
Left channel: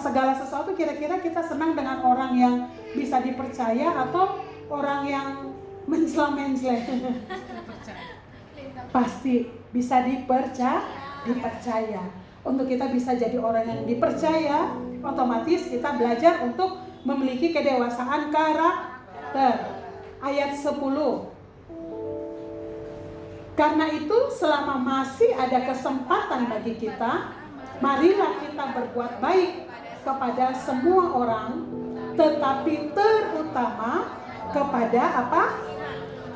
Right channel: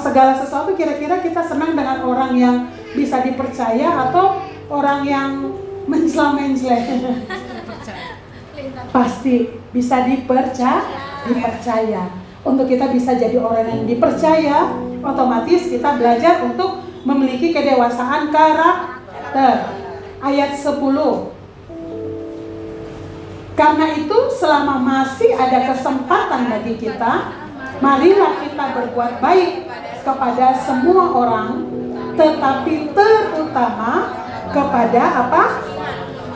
segala sesuatu, kira-kira kita senang dengan orang yang bisa dipercaya atau orang yang menjelang-menjelang? Pasti bisa dipercaya. Untuk kita bisa jadi orang yang dipercaya, otomatis kita belajar untuk memiliki kedewasaan karakter. Ayat 10. Karena itu selama masih ada kesempatan bagi kita, marilah kita berbuat baik kepada semua orang, tetapi terutama kepada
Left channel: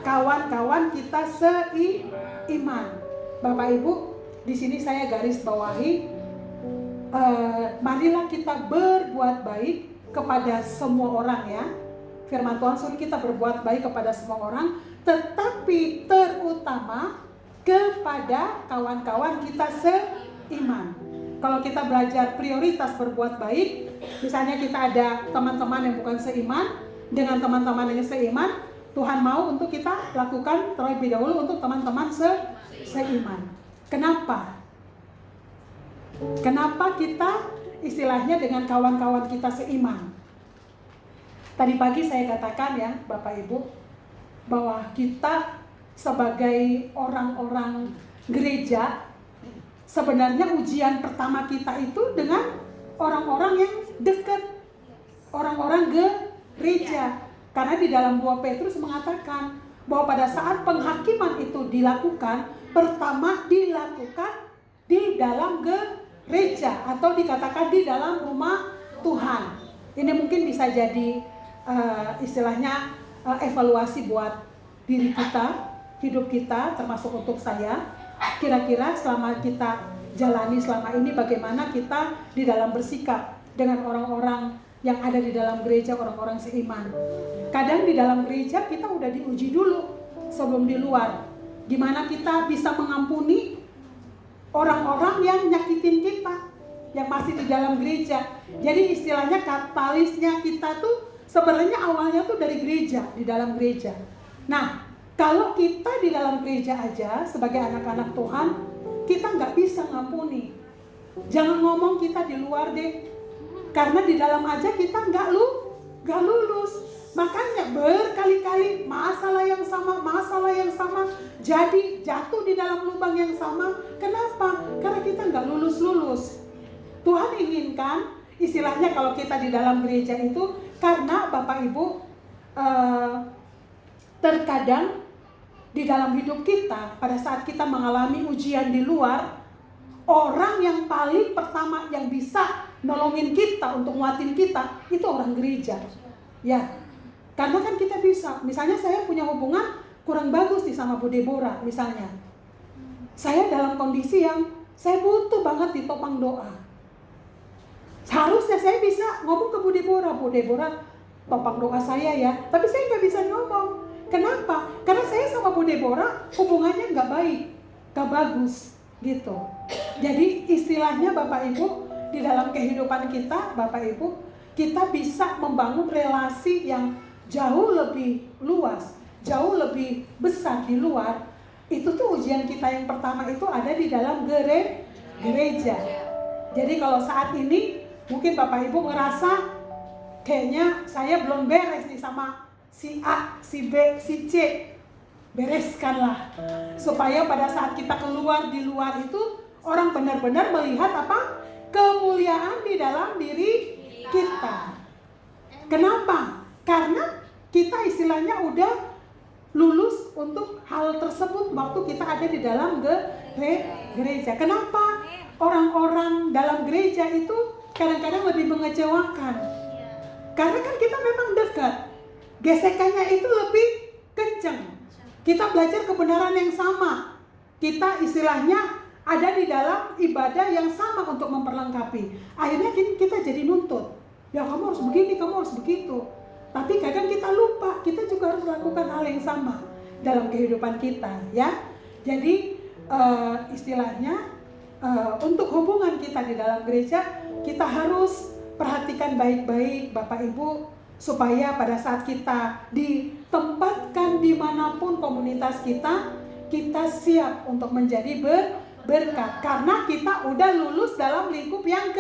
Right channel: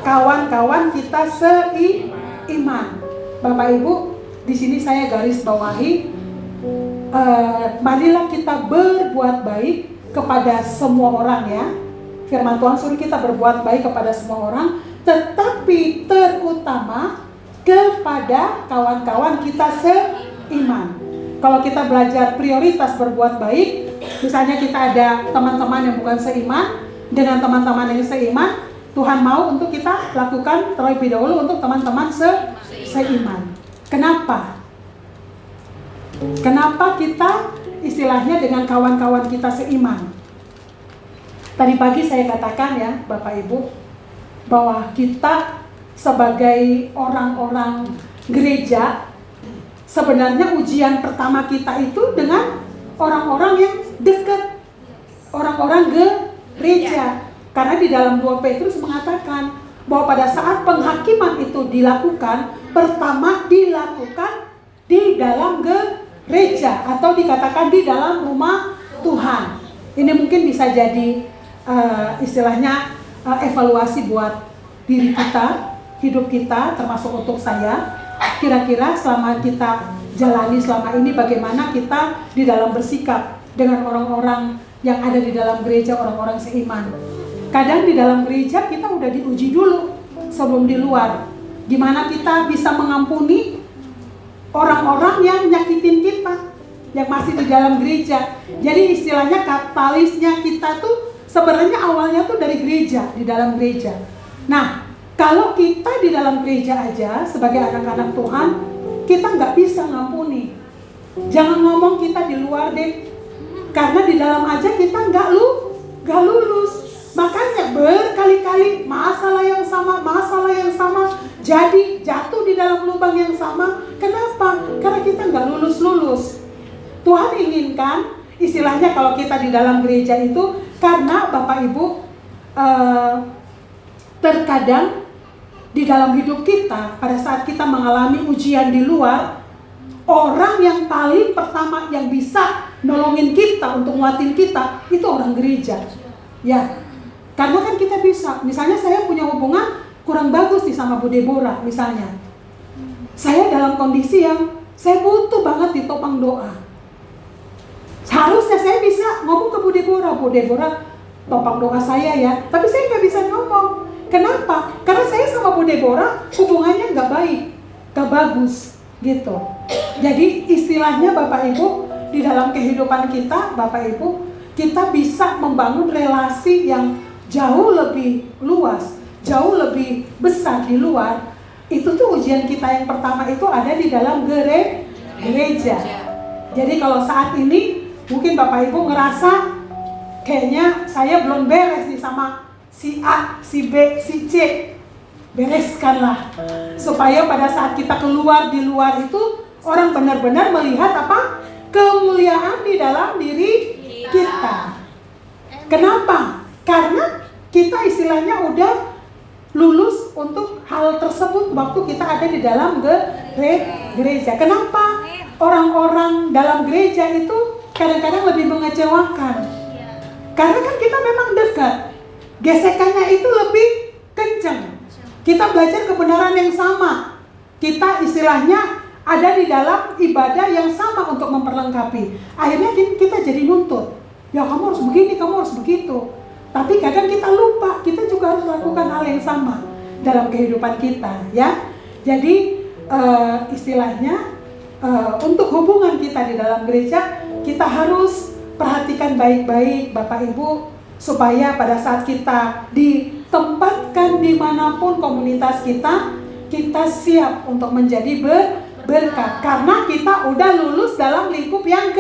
kawan-kawan kita seiman. Bapak Ibu, di sini saya garis bawahi, marilah kita berbuat baik kepada semua orang ya. Firman Tuhan suruh kita berbuat baik kepada semua orang, tetapi terutama kepada kawan-kawan kita seiman. Kalau kita belajar prioritas berbuat baik, misalnya kita ada teman-teman yang bukan seiman, dengan teman-teman yang seiman, Tuhan mau untuk kita lakukan terlebih dahulu untuk teman-teman seiman. Kenapa? Kenapa kita istilahnya dengan kawan-kawan kita seiman? Tadi pagi saya katakan ya Bapak Ibu, bahwa kita sebagai orang-orang gereja sebenarnya ujian pertama kita itu dengan orang-orang yang dekat, orang-orang gereja. Karena di dalam 2 Petrus mengatakan bahwa pada saat penghakiman itu dilakukan, pertama dilakukan di dalam gereja atau dikatakan di dalam rumah Tuhan. Ini mungkin bisa jadi istilahnya evaluasi buat diri kita, hidup kita, termasuk untuk saya. Kira-kira selama kita jalani selama ini, bagaimana kita di dalam bersikap dengan orang-orang yang ada di dalam gereja, orang-orang seiman. Kadang di dalam gereja kita udah diuji dulu sebelum di luar. Gimana kita bisa mengampuni orang-orang yang nyakitin kita, yang masih di dalam gereja. Jadi istilahnya katalisnya kita tuh sebenarnya awalnya tuh dari gereja, di dalam gereja. Nah, kalau kita di dalam gereja aja sebagai anak-anak Tuhan, kita nggak bisa ngampuni. Jangan ngomong kita di luar deh, karena di dalam aja kita nggak lulus. Makanya berkali-kali masalah yang sama, jadi jatuh di dalam lubang yang sama. Kenapa? Karena kita nggak lulus. Tuhan inginkan, istilahnya kalau kita di dalam gereja itu, karena Bapak Ibu terkadang di dalam hidup kita, pada saat kita mengalami ujian di luar, orang yang paling pertama yang bisa nolongin kita untuk nguatin kita itu orang gereja. Ya, karena kan kita bisa, misalnya saya punya hubungan kurang bagus nih sama Bu Deborah misalnya. Saya dalam kondisi yang saya butuh banget ditopang doa. Seharusnya saya bisa ngomong ke Bu Deborah topang doa saya ya. Tapi saya nggak bisa ngomong. Kenapa? Karena saya sama Bu Deborah hubungannya nggak baik, nggak bagus gitu. Jadi istilahnya Bapak Ibu, di dalam kehidupan kita Bapak Ibu, kita bisa membangun relasi yang jauh lebih luas, jauh lebih besar di luar. Itu tuh ujian kita yang pertama itu ada di dalam gereja. Jadi kalau saat ini mungkin Bapak Ibu ngerasa kayaknya saya belum beres nih sama si A, si B, si C. Bereskanlah supaya pada saat kita keluar di luar itu orang benar-benar melihat apa? Kemuliaan di dalam diri kita. Kenapa? Karena kita istilahnya udah lulus untuk hal tersebut waktu kita ada di dalam gereja. Kenapa orang-orang dalam gereja itu kadang-kadang lebih mengecewakan? Karena kan kita memang dekat, gesekannya itu lebih kencang. Kita belajar kebenaran yang sama, kita istilahnya ada di dalam ibadah yang sama untuk memperlengkapi. Akhirnya kita jadi nuntut, ya kamu harus begini, kamu harus begitu. Tapi kadang kita lupa, kita juga harus lakukan hal yang sama dalam kehidupan kita, ya. Jadi istilahnya untuk hubungan kita di dalam gereja, kita harus perhatikan baik-baik Bapak Ibu, supaya pada saat kita ditempatkan dimanapun komunitas kita, kita siap untuk menjadi berkat. Karena kita udah lulus dalam lingkup yang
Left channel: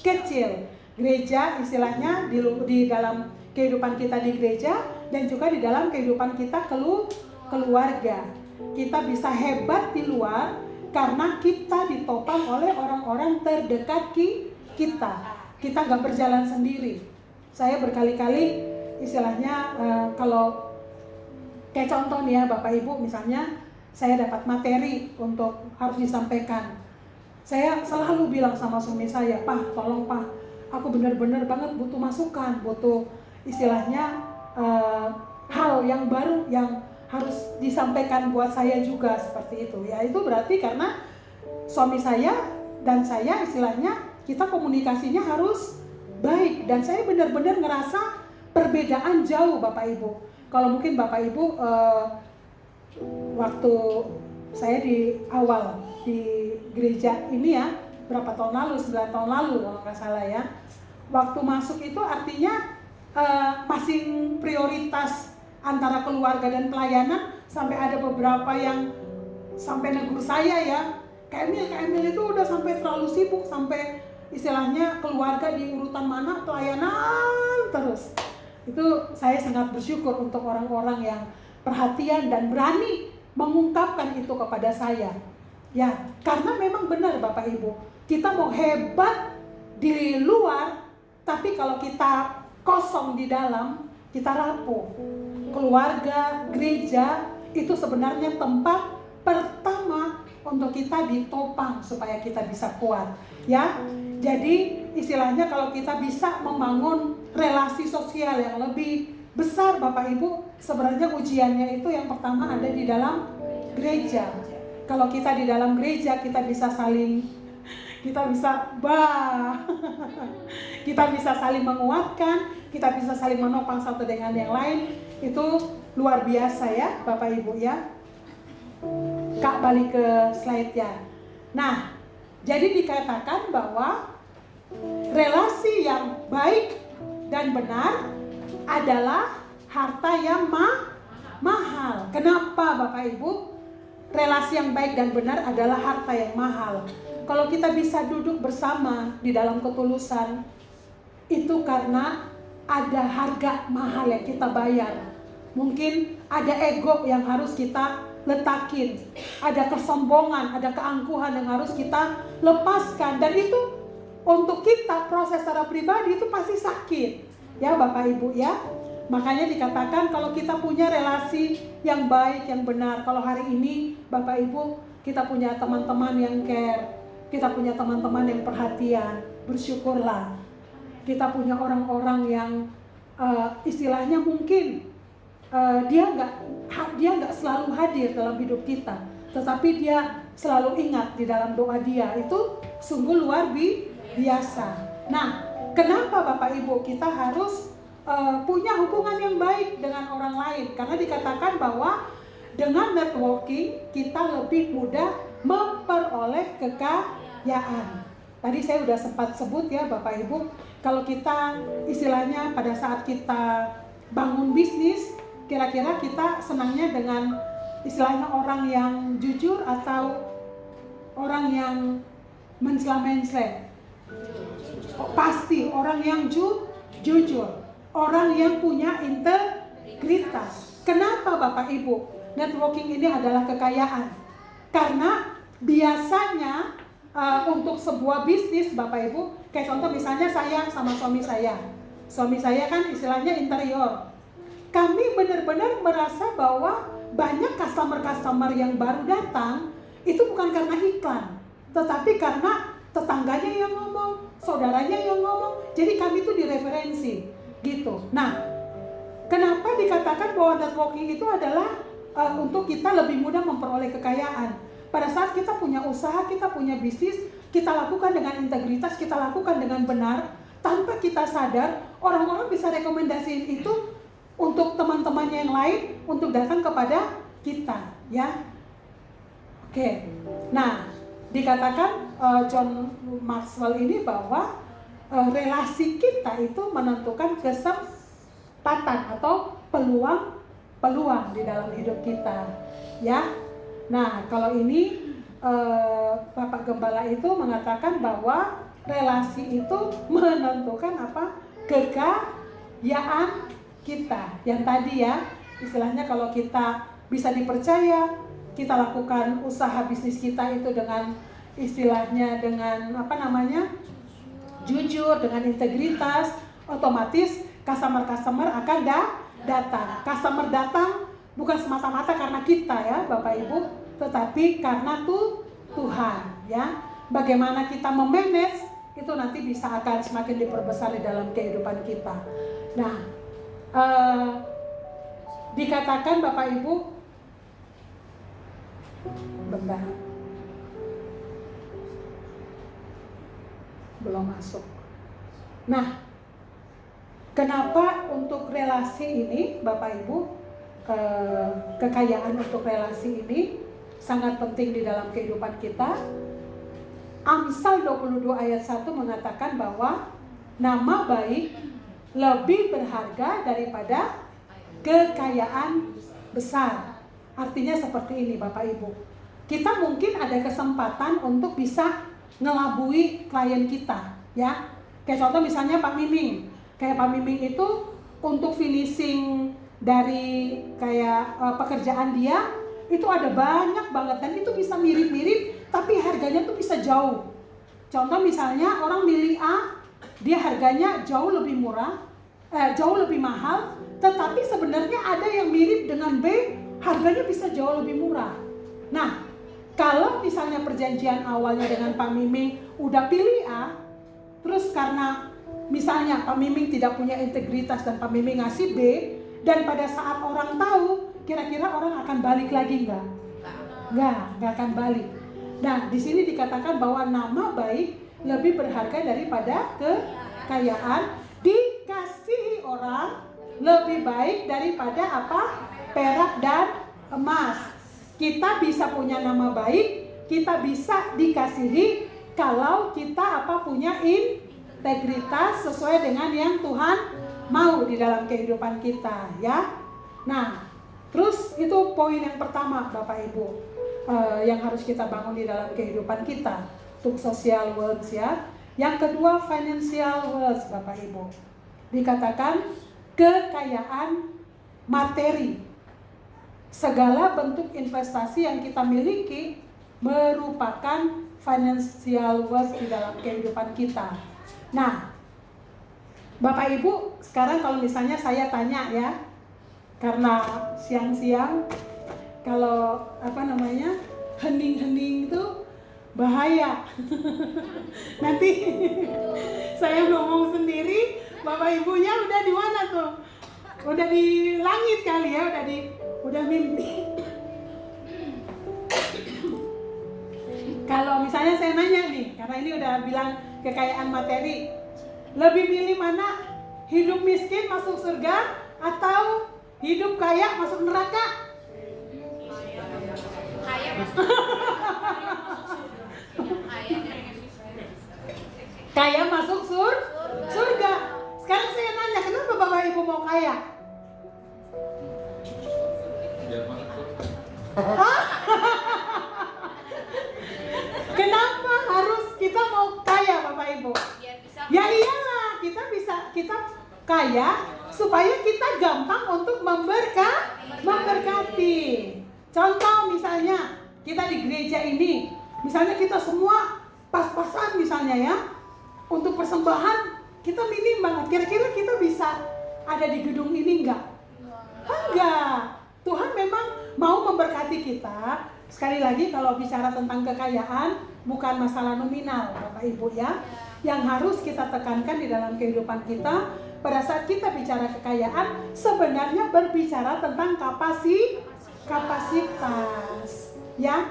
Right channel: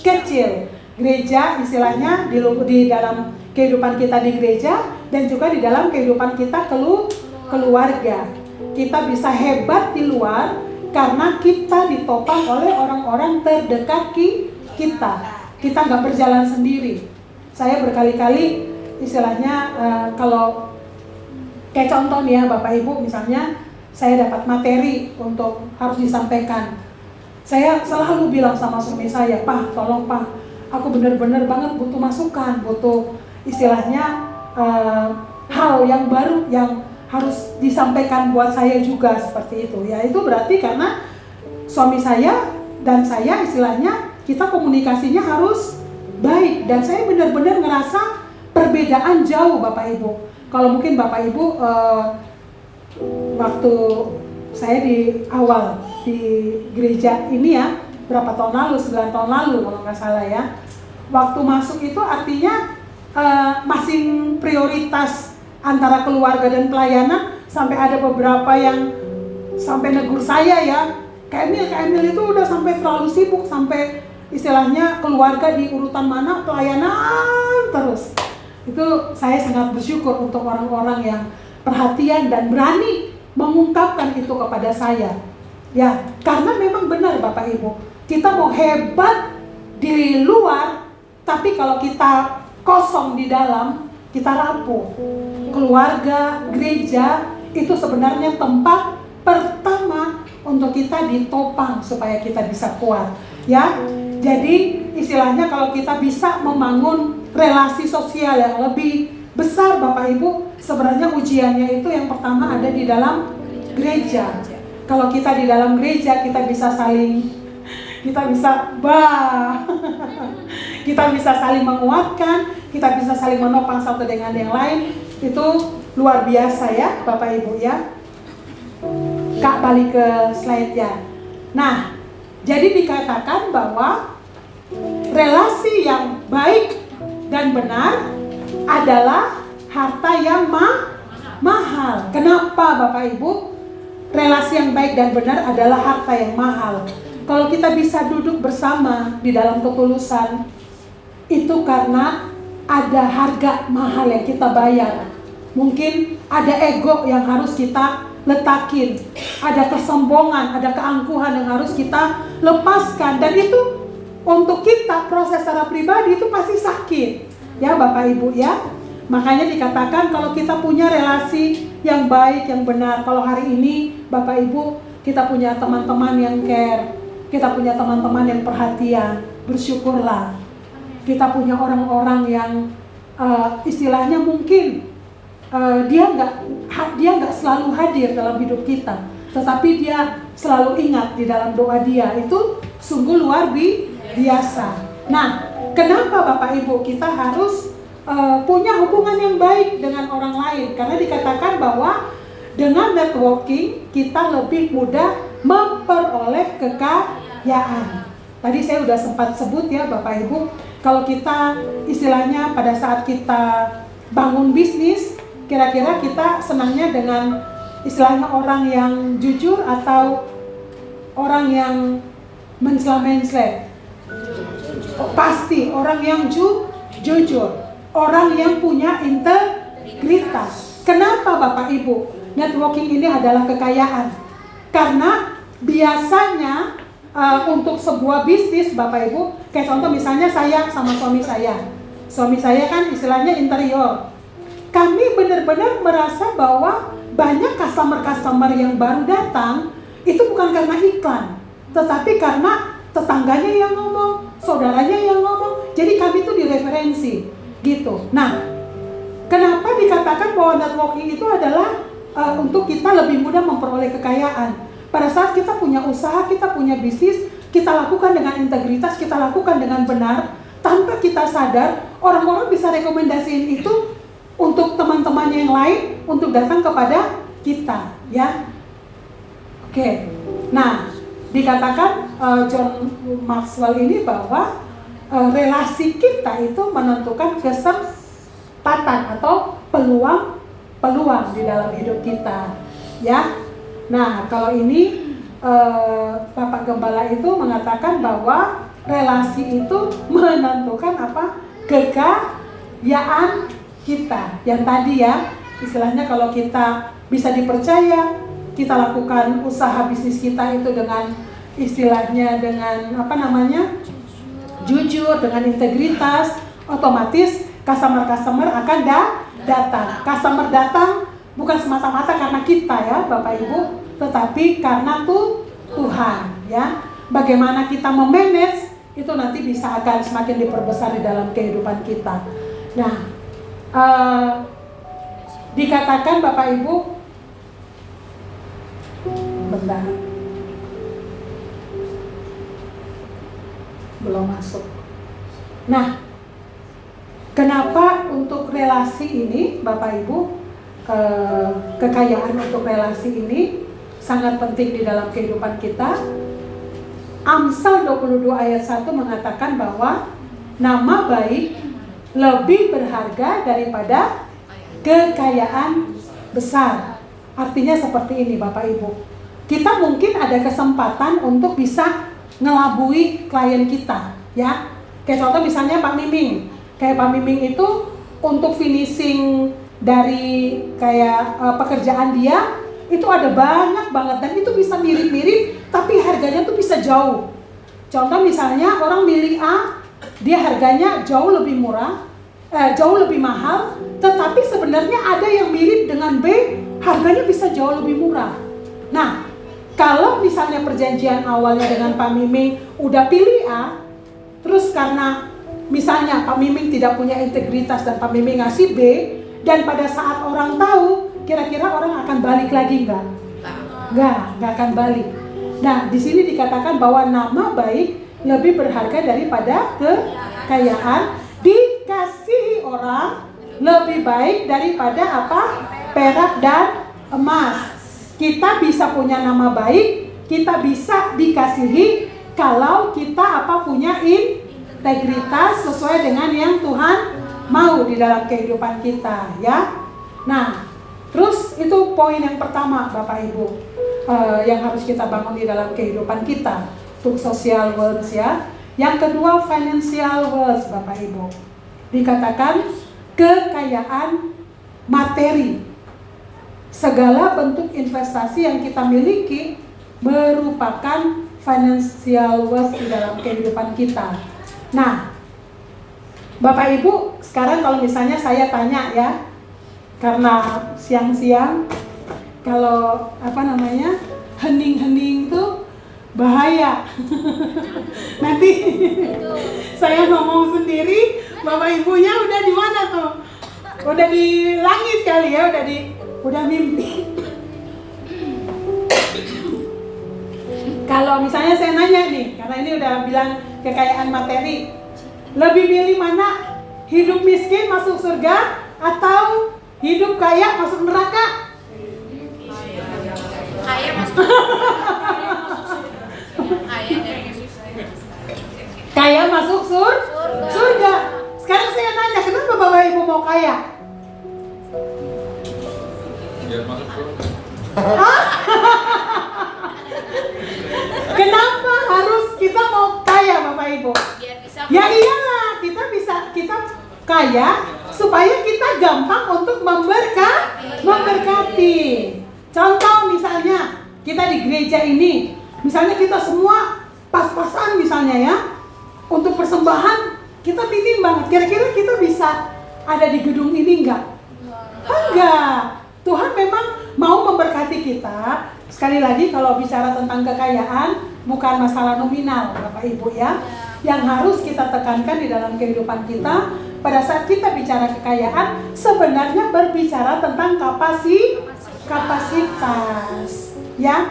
kecil. Gereja istilahnya di dalam kehidupan kita di gereja dan juga di dalam kehidupan kita keluarga. Kita bisa hebat di luar karena kita ditopang oleh orang-orang terdekat kita. Kita nggak berjalan sendiri. Saya berkali-kali istilahnya kalau kayak contoh nih ya Bapak Ibu, misalnya saya dapat materi untuk harus disampaikan. Saya selalu bilang sama suami saya, Pak, tolong Pak, aku benar-benar banget butuh masukan, butuh istilahnya hal yang baru yang harus disampaikan buat saya juga seperti itu. Ya itu berarti karena suami saya dan saya istilahnya kita komunikasinya harus baik. Dan saya benar-benar ngerasa perbedaan jauh Bapak Ibu. Kalau mungkin Bapak Ibu waktu saya di awal di gereja ini ya, berapa tahun lalu, 9 tahun lalu kalau nggak salah ya. Waktu masuk itu artinya masing prioritas antara keluarga dan pelayanan, sampai ada beberapa yang sampai negur saya ya, Kak Emil itu udah sampai terlalu sibuk, sampai istilahnya keluarga di urutan mana, pelayanan terus. Itu saya sangat bersyukur untuk orang-orang yang perhatian dan berani mengungkapkan itu kepada saya. Ya, karena memang benar Bapak Ibu, kita mau hebat di luar, tapi kalau kita kosong di dalam, kita rapuh. Keluarga, gereja, itu sebenarnya tempat pertama untuk kita ditopang supaya kita bisa kuat. Ya, jadi istilahnya kalau kita bisa membangun relasi sosial yang lebih besar Bapak Ibu, sebenarnya ujiannya itu yang pertama ada di dalam gereja. Kalau kita di dalam gereja, kita bisa saling menguatkan, kita bisa saling menopang satu dengan yang lain. Itu luar biasa ya Bapak Ibu ya. Kak, balik ke slide ya. Nah, jadi dikatakan bahwa relasi yang baik dan benar adalah harta yang mahal. Kenapa Bapak Ibu? Relasi yang baik dan benar adalah harta yang mahal. Kalau kita bisa duduk bersama di dalam ketulusan, itu karena ada harga mahal yang kita bayar. Mungkin ada ego yang harus kita letakin, ada kesombongan, ada keangkuhan yang harus kita lepaskan. Dan itu untuk kita proses secara pribadi itu pasti sakit, ya Bapak Ibu ya. Makanya dikatakan kalau kita punya relasi yang baik, yang benar. Kalau hari ini Bapak Ibu kita punya teman-teman yang care, kita punya teman-teman yang perhatian, bersyukurlah. Kita punya orang-orang yang istilahnya mungkin dia nggak selalu hadir dalam hidup kita, tetapi dia selalu ingat di dalam doa dia. Itu sungguh luar biasa. Nah, kenapa Bapak Ibu kita harus punya hubungan yang baik dengan orang lain? Karena dikatakan bahwa dengan networking kita lebih mudah memperoleh kekayaan. Tadi saya udah sempat sebut ya Bapak Ibu, kalau kita istilahnya pada saat kita bangun bisnis, kira-kira kita senangnya dengan istilahnya orang yang jujur atau orang yang mencela-mencela? Pasti orang yang jujur, orang yang punya integritas. Kenapa Bapak Ibu? Networking ini adalah kekayaan. Karena biasanya untuk sebuah bisnis Bapak Ibu, kayak contoh misalnya saya sama suami saya. Suami saya kan istilahnya interior. Kami benar-benar merasa bahwa banyak customer yang baru datang itu bukan karena iklan, tetapi karena tetangganya yang ngomong, saudaranya yang ngomong. Jadi kami tuh direferensi gitu. Nah, kenapa dikatakan bahwa networking itu adalah untuk kita lebih mudah memperoleh kekayaan? Pada saat kita punya usaha, kita punya bisnis, kita lakukan dengan integritas, kita lakukan dengan benar, tanpa kita sadar, orang-orang bisa rekomendasiin itu untuk teman-teman yang lain untuk datang kepada kita, ya. Oke. Nah, dikatakan John Maxwell ini bahwa relasi kita itu menentukan kesempatan atau peluang di dalam hidup kita, ya. Nah, kalau ini Bapak Gembala itu mengatakan bahwa relasi itu menentukan apa? Kekayaan kita. Yang tadi ya, istilahnya kalau kita bisa dipercaya, kita lakukan usaha bisnis kita itu dengan istilahnya dengan jujur, dengan integritas, otomatis customer akan datang. Customer datang bukan semata-mata karena kita ya Bapak Ibu, tetapi karena Tuhan ya. Bagaimana kita memanage itu nanti bisa akan semakin diperbesar di dalam kehidupan kita. Nah, dikatakan Bapak Ibu, bentar, belum masuk. Nah, kenapa untuk relasi ini Bapak Ibu, kekayaan untuk relasi ini sangat penting di dalam kehidupan kita? Amsal 22 ayat 1 mengatakan bahwa nama baik lebih berharga daripada kekayaan besar. Artinya seperti ini Bapak Ibu, kita mungkin ada kesempatan untuk bisa ngelabui klien kita ya. Kayak contoh misalnya Pak Miming. Kayak Pak Miming itu untuk finishing dari kayak pekerjaan dia itu ada banyak banget, dan itu bisa mirip-mirip tapi harganya tuh bisa jauh. Contoh misalnya orang milih A, dia harganya jauh lebih murah, jauh lebih mahal, tetapi sebenarnya ada yang mirip dengan B, harganya bisa jauh lebih murah. Nah, kalau misalnya perjanjian awalnya dengan Pak Miming udah pilih A, terus karena misalnya Pak Miming tidak punya integritas dan Pak Miming ngasih B, dan pada saat orang tahu, kira-kira orang akan balik lagi nggak? Nggak akan balik. Nah, di sini dikatakan bahwa nama baik lebih berharga daripada kekayaan, dikasihi orang lebih baik daripada apa? Perak dan emas. Kita bisa punya nama baik, kita bisa dikasihi kalau kita punya integritas sesuai dengan yang Tuhan mau di dalam kehidupan kita, ya. Nah, terus itu poin yang pertama Bapak Ibu, yang harus kita bangun di dalam kehidupan kita untuk social wealth, ya. Yang kedua, financial wealth Bapak Ibu. Dikatakan kekayaan materi. Segala bentuk investasi yang kita miliki merupakan financial wealth di dalam kehidupan kita. Nah, Bapak Ibu, sekarang kalau misalnya saya tanya, ya, karena siang-siang kalau hening-hening tuh bahaya. Nanti saya ngomong sendiri, Bapak Ibunya udah di mana tuh? Udah di langit kali ya, udah mimpi. Kalau misalnya saya nanya nih, karena ini udah bilang kekayaan materi, lebih milih mana? Hidup miskin masuk surga atau hidup kaya masuk neraka? Kaya masuk Kaya masuk surga. Sekarang saya nanya, kenapa Bapak Ibu mau kaya? Biar masuk surga. Kenapa harus kita mau kaya Bapak Ibu? biar bisa Ya iyalah, kita kaya supaya kita gampang untuk memberkati. Contoh misalnya kita di gereja ini, misalnya kita semua pas-pasan misalnya, ya, untuk persembahan kita minim banget. Kira-kira kita bisa ada di gedung ini enggak? Enggak. Tuhan memang mau memberkati kita. Sekali lagi kalau bicara tentang kekayaan, bukan masalah nominal Bapak Ibu, ya. Yang harus kita tekankan di dalam kehidupan kita pada saat kita bicara kekayaan, sebenarnya berbicara tentang kapasitas, ya.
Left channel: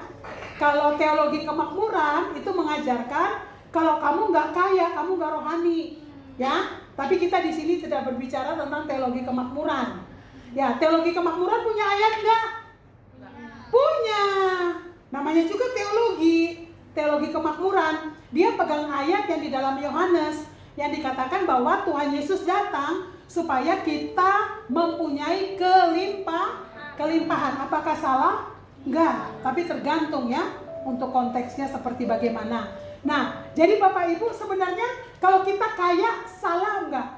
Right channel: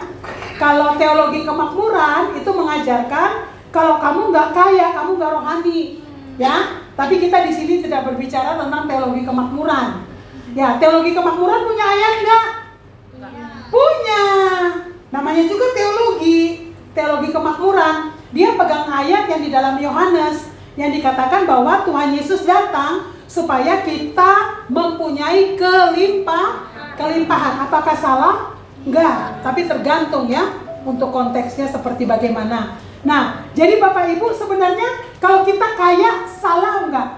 Kalau teologi kemakmuran itu mengajarkan kalau kamu nggak kaya, kamu nggak rohani, ya. Tapi kita di sini tidak berbicara tentang teologi kemakmuran. Ya, teologi kemakmuran punya ayat nggak? Punya. Namanya juga teologi kemakmuran. Dia pegang ayat yang di dalam Yohanes yang dikatakan bahwa Tuhan Yesus datang supaya kita mempunyai kelimpahan. Apakah salah? Enggak, tapi tergantung, ya, untuk konteksnya seperti bagaimana. Nah, jadi Bapak Ibu sebenarnya kalau kita kaya salah enggak?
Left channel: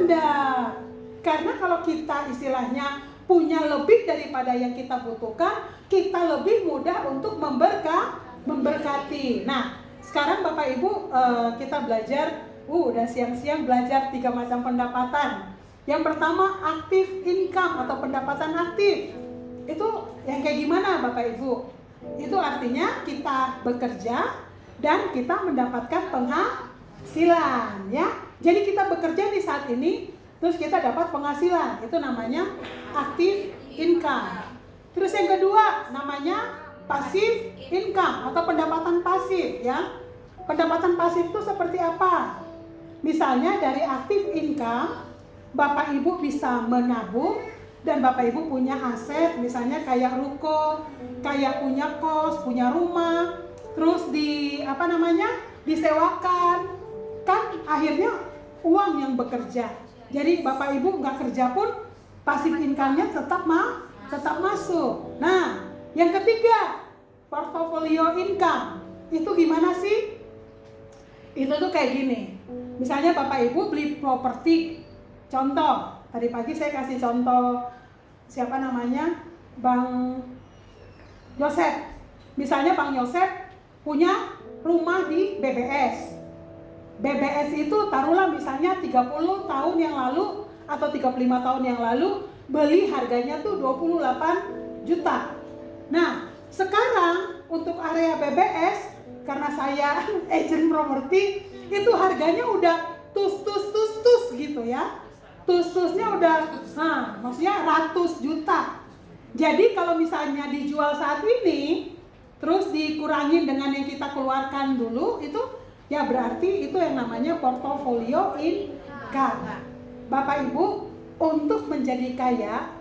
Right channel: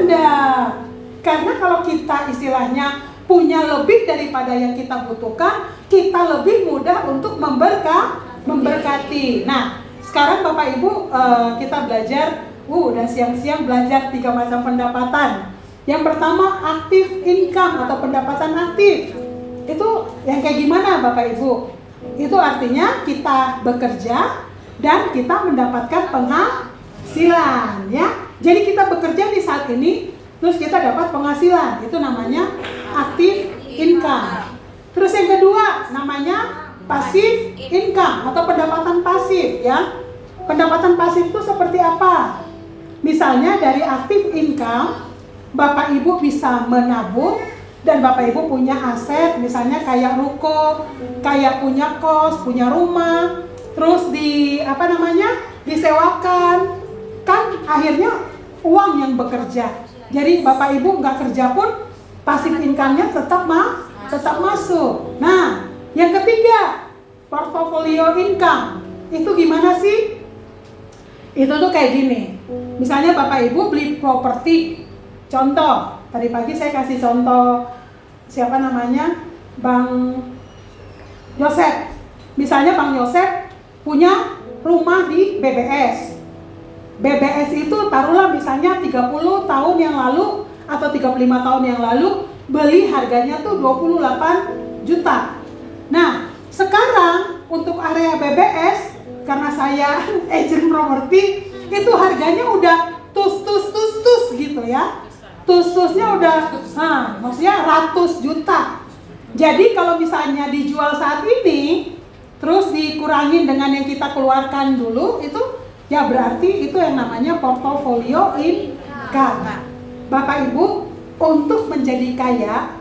Enggak. Karena kalau kita istilahnya punya lebih daripada yang kita butuhkan, kita lebih mudah untuk memberkati. Nah, sekarang Bapak Ibu kita belajar, udah siang-siang belajar 3 macam pendapatan. Yang pertama, active income atau pendapatan aktif. Itu yang kayak gimana Bapak Ibu? Itu artinya kita bekerja dan kita mendapatkan penghasilan, ya. Jadi kita bekerja di saat ini, terus kita dapat penghasilan, itu namanya active income. Terus yang kedua namanya passive income atau pendapatan pasif, ya. Pendapatan pasif itu seperti apa? Misalnya dari active income, Bapak Ibu bisa menabung dan Bapak Ibu punya aset, misalnya kayak ruko, kayak punya kos, punya rumah, terus disewakan, kan akhirnya uang yang bekerja. Jadi Bapak Ibu nggak kerja pun pasif income-nya tetap masuk. Nah, yang ketiga, portfolio income. Itu gimana sih? Itu tuh kayak gini. Misalnya Bapak Ibu beli properti. Contoh, tadi pagi saya kasih contoh Bang Joseph. misalnya Bang Yosef punya rumah di BBS. BBS itu taruhlah misalnya 30 tahun yang lalu atau 35 tahun yang lalu beli harganya tuh 28 juta. Nah, sekarang untuk area BBS karena saya agent properti itu harganya udah tus gitu ya. Tusnya udah maksudnya ratus juta. Jadi kalau misalnya dijual saat ini terus dikurangin dengan yang kita keluarkan dulu itu ya berarti itu yang namanya portofolio income. Bapak Ibu, untuk menjadi kaya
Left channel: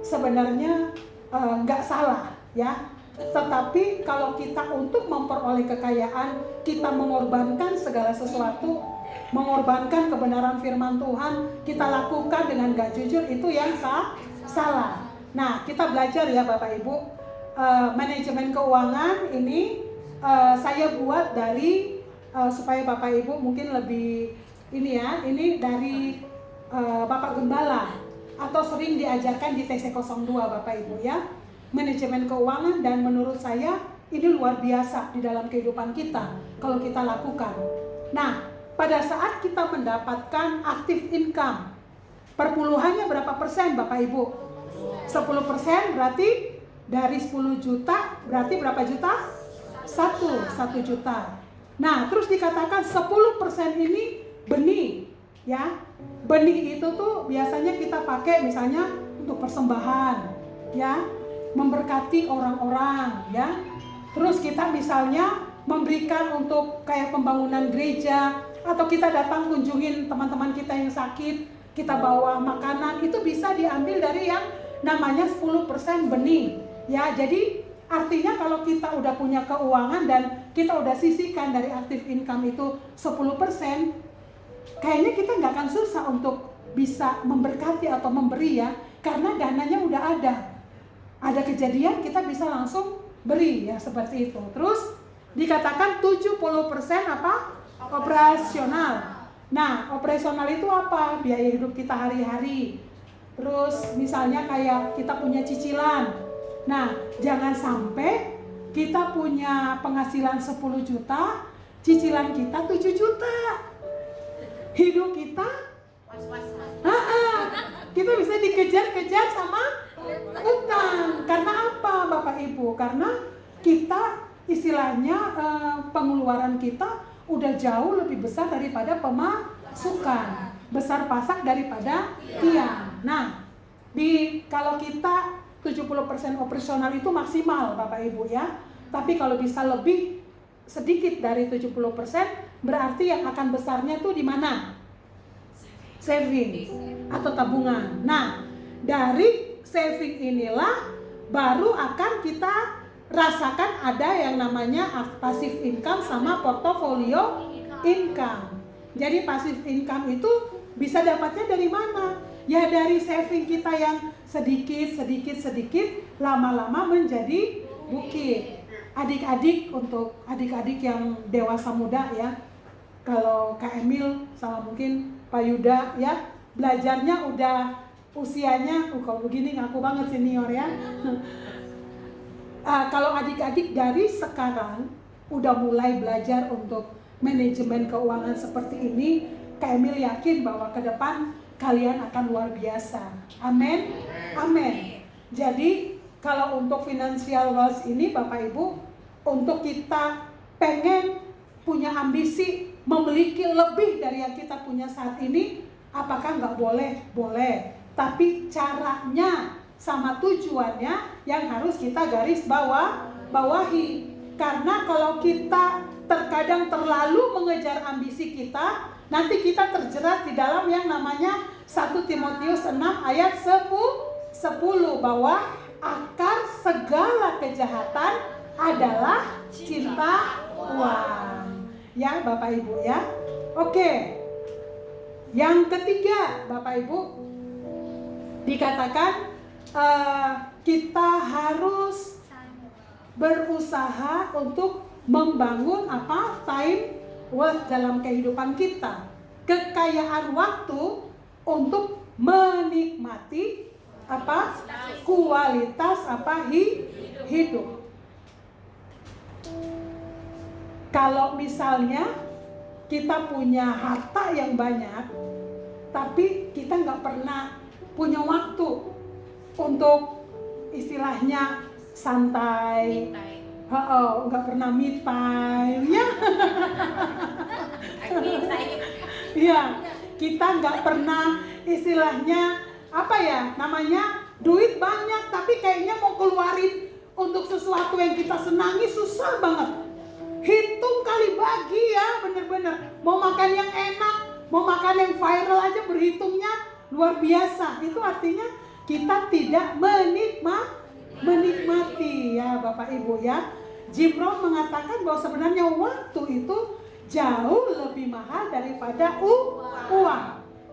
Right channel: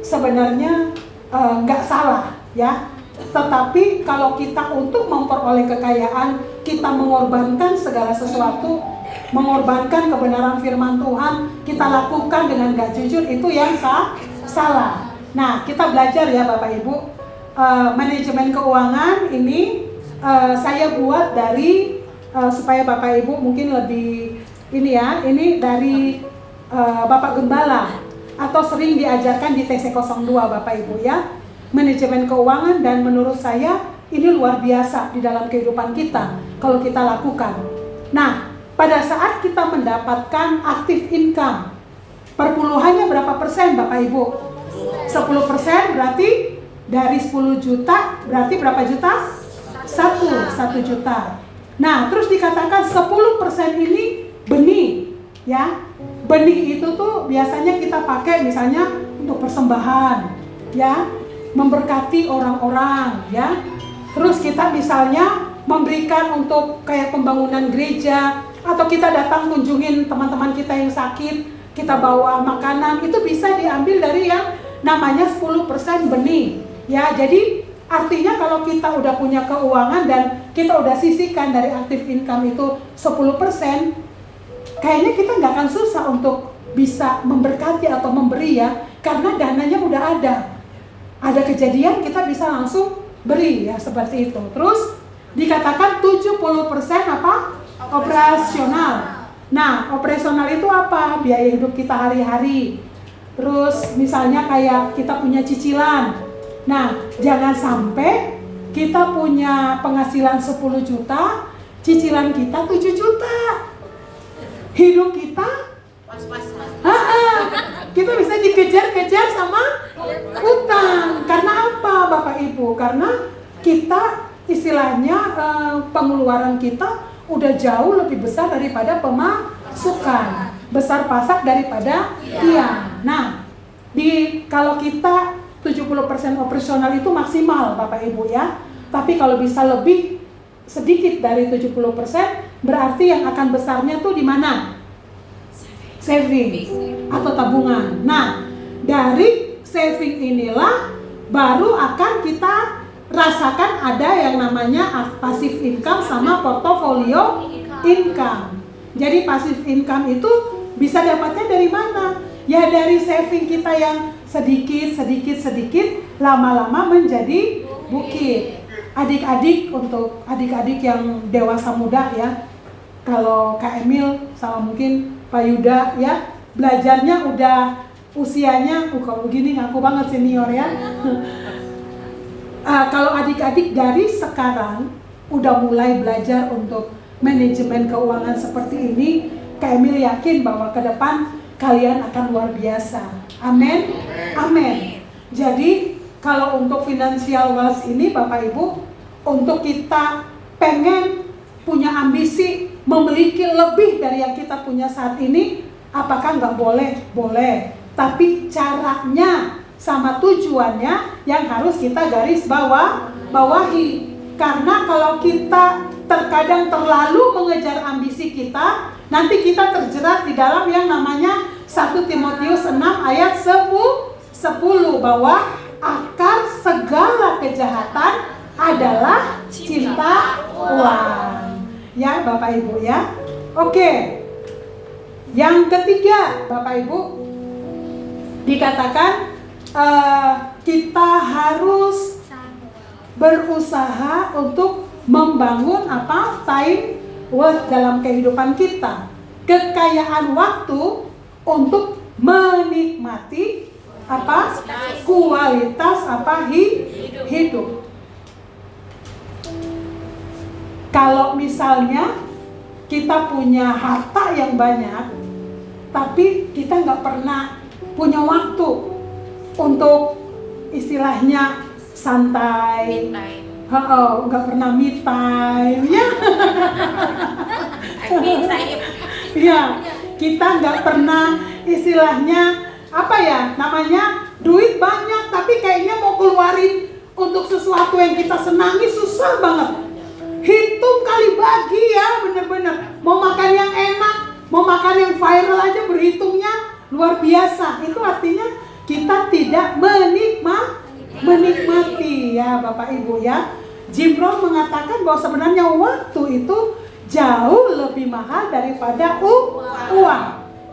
sebenarnya nggak salah ya. Tetapi kalau kita untuk memperoleh kekayaan, kita mengorbankan segala sesuatu, mengorbankan kebenaran firman Tuhan, kita lakukan dengan gak jujur, itu yang salah. Nah, kita belajar ya Bapak Ibu, manajemen keuangan ini saya buat dari supaya Bapak Ibu mungkin lebih ini ya, ini dari Bapak Gembala atau sering diajarkan di TC02 Bapak Ibu ya. Manajemen keuangan, dan menurut saya ini luar biasa di dalam kehidupan kita kalau kita lakukan. Nah, pada saat kita mendapatkan active income, perpuluhannya berapa persen Bapak Ibu? 10% berarti dari 10 juta berarti berapa juta? 1 juta. Nah, terus dikatakan 10% ini benih ya. Benih itu tuh biasanya kita pakai misalnya untuk persembahan ya, memberkati orang-orang ya. Terus kita misalnya memberikan untuk kayak pembangunan gereja, atau kita datang kunjungin teman-teman kita yang sakit, kita bawa makanan, itu bisa diambil dari yang namanya 10% benih ya. Jadi artinya kalau kita udah punya keuangan dan kita udah sisihkan dari active income itu 10%, kayaknya kita nggak akan susah untuk bisa memberkati atau memberi ya, karena dananya udah ada kejadian kita bisa langsung beri ya, seperti itu. Terus dikatakan 70% apa? Operasional. Nah, operasional itu apa? Biaya hidup kita hari-hari. Terus misalnya kayak kita punya cicilan. Nah, jangan sampai kita punya penghasilan 10 juta, cicilan kita 7 juta. Hidup kita kita bisa dikejar-kejar sama utang. Karena apa Bapak Ibu? Karena kita istilahnya pengeluaran kita udah jauh lebih besar daripada pemasukan, besar pasak daripada tiang. Nah, kalau kita 70% operasional itu maksimal Bapak Ibu ya. Tapi kalau bisa lebih sedikit dari 70%, berarti yang akan besarnya tuh di mana? Saving atau tabungan. Nah, dari saving inilah baru akan kita rasakan ada yang namanya passive income sama portfolio income. Jadi passive income itu bisa dapatnya dari mana? Ya dari saving kita yang sedikit, lama-lama menjadi bukit. Adik-adik, untuk adik-adik yang dewasa muda ya, kalau Kak Emil sama mungkin Pak Yuda ya, belajarnya udah usianya kalau begini ngaku banget senior ya. Kalau adik-adik dari sekarang udah mulai belajar untuk manajemen keuangan seperti ini, Kak Emil yakin bahwa ke depan kalian akan luar biasa. Amin. Amin. Jadi kalau untuk financial wealth ini Bapak Ibu, untuk kita pengen punya ambisi memiliki lebih dari yang kita punya saat ini, apakah nggak boleh? Boleh. Tapi caranya sama tujuannya yang harus kita garis bawahi. Karena kalau kita terkadang terlalu mengejar ambisi kita, nanti kita terjerat di dalam yang namanya 1 Timotius 6 ayat 10 bahwa akar segala kejahatan adalah cinta uang. Ya Bapak Ibu ya. Oke. Yang ketiga Bapak Ibu, dikatakan kita harus berusaha untuk membangun time wealth dalam kehidupan kita. Kekayaan waktu untuk menikmati kualitas hidup. Kalau misalnya kita punya harta yang banyak, tapi kita nggak pernah punya waktu untuk istilahnya santai, nggak pernah me time, ya. Ya, kita nggak pernah istilahnya apa ya namanya, duit banyak tapi kayaknya mau keluarin untuk sesuatu yang kita senangi susah banget. Hitung kali bagi ya, bener-bener. Mau makan yang enak, mau makan yang viral aja berhitungnya luar biasa. Itu artinya kita tidak menikmati ya Bapak Ibu ya. Jim Rohn mengatakan bahwa sebenarnya waktu itu jauh lebih mahal daripada uang.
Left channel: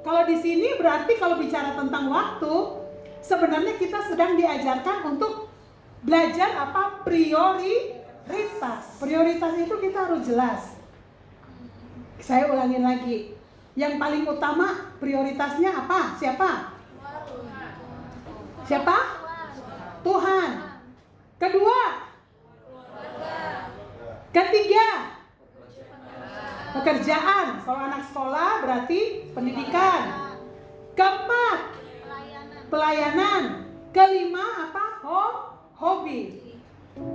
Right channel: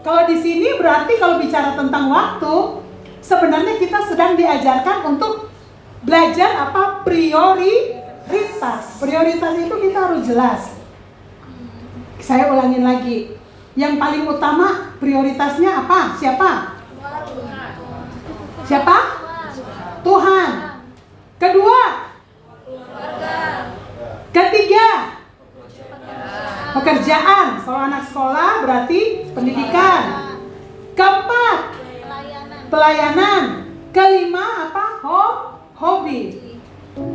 Kalau di sini berarti kalau bicara tentang waktu, sebenarnya kita sedang diajarkan untuk belajar apa? Prioritas. Prioritas itu kita harus jelas. Saya ulangin lagi. Yang paling utama prioritasnya apa? Siapa? Siapa? Tuhan. Kedua? Ketiga? Pekerjaan. Kalau anak sekolah berarti pendidikan. Keempat? Pelayanan. Kelima apa? Hobi.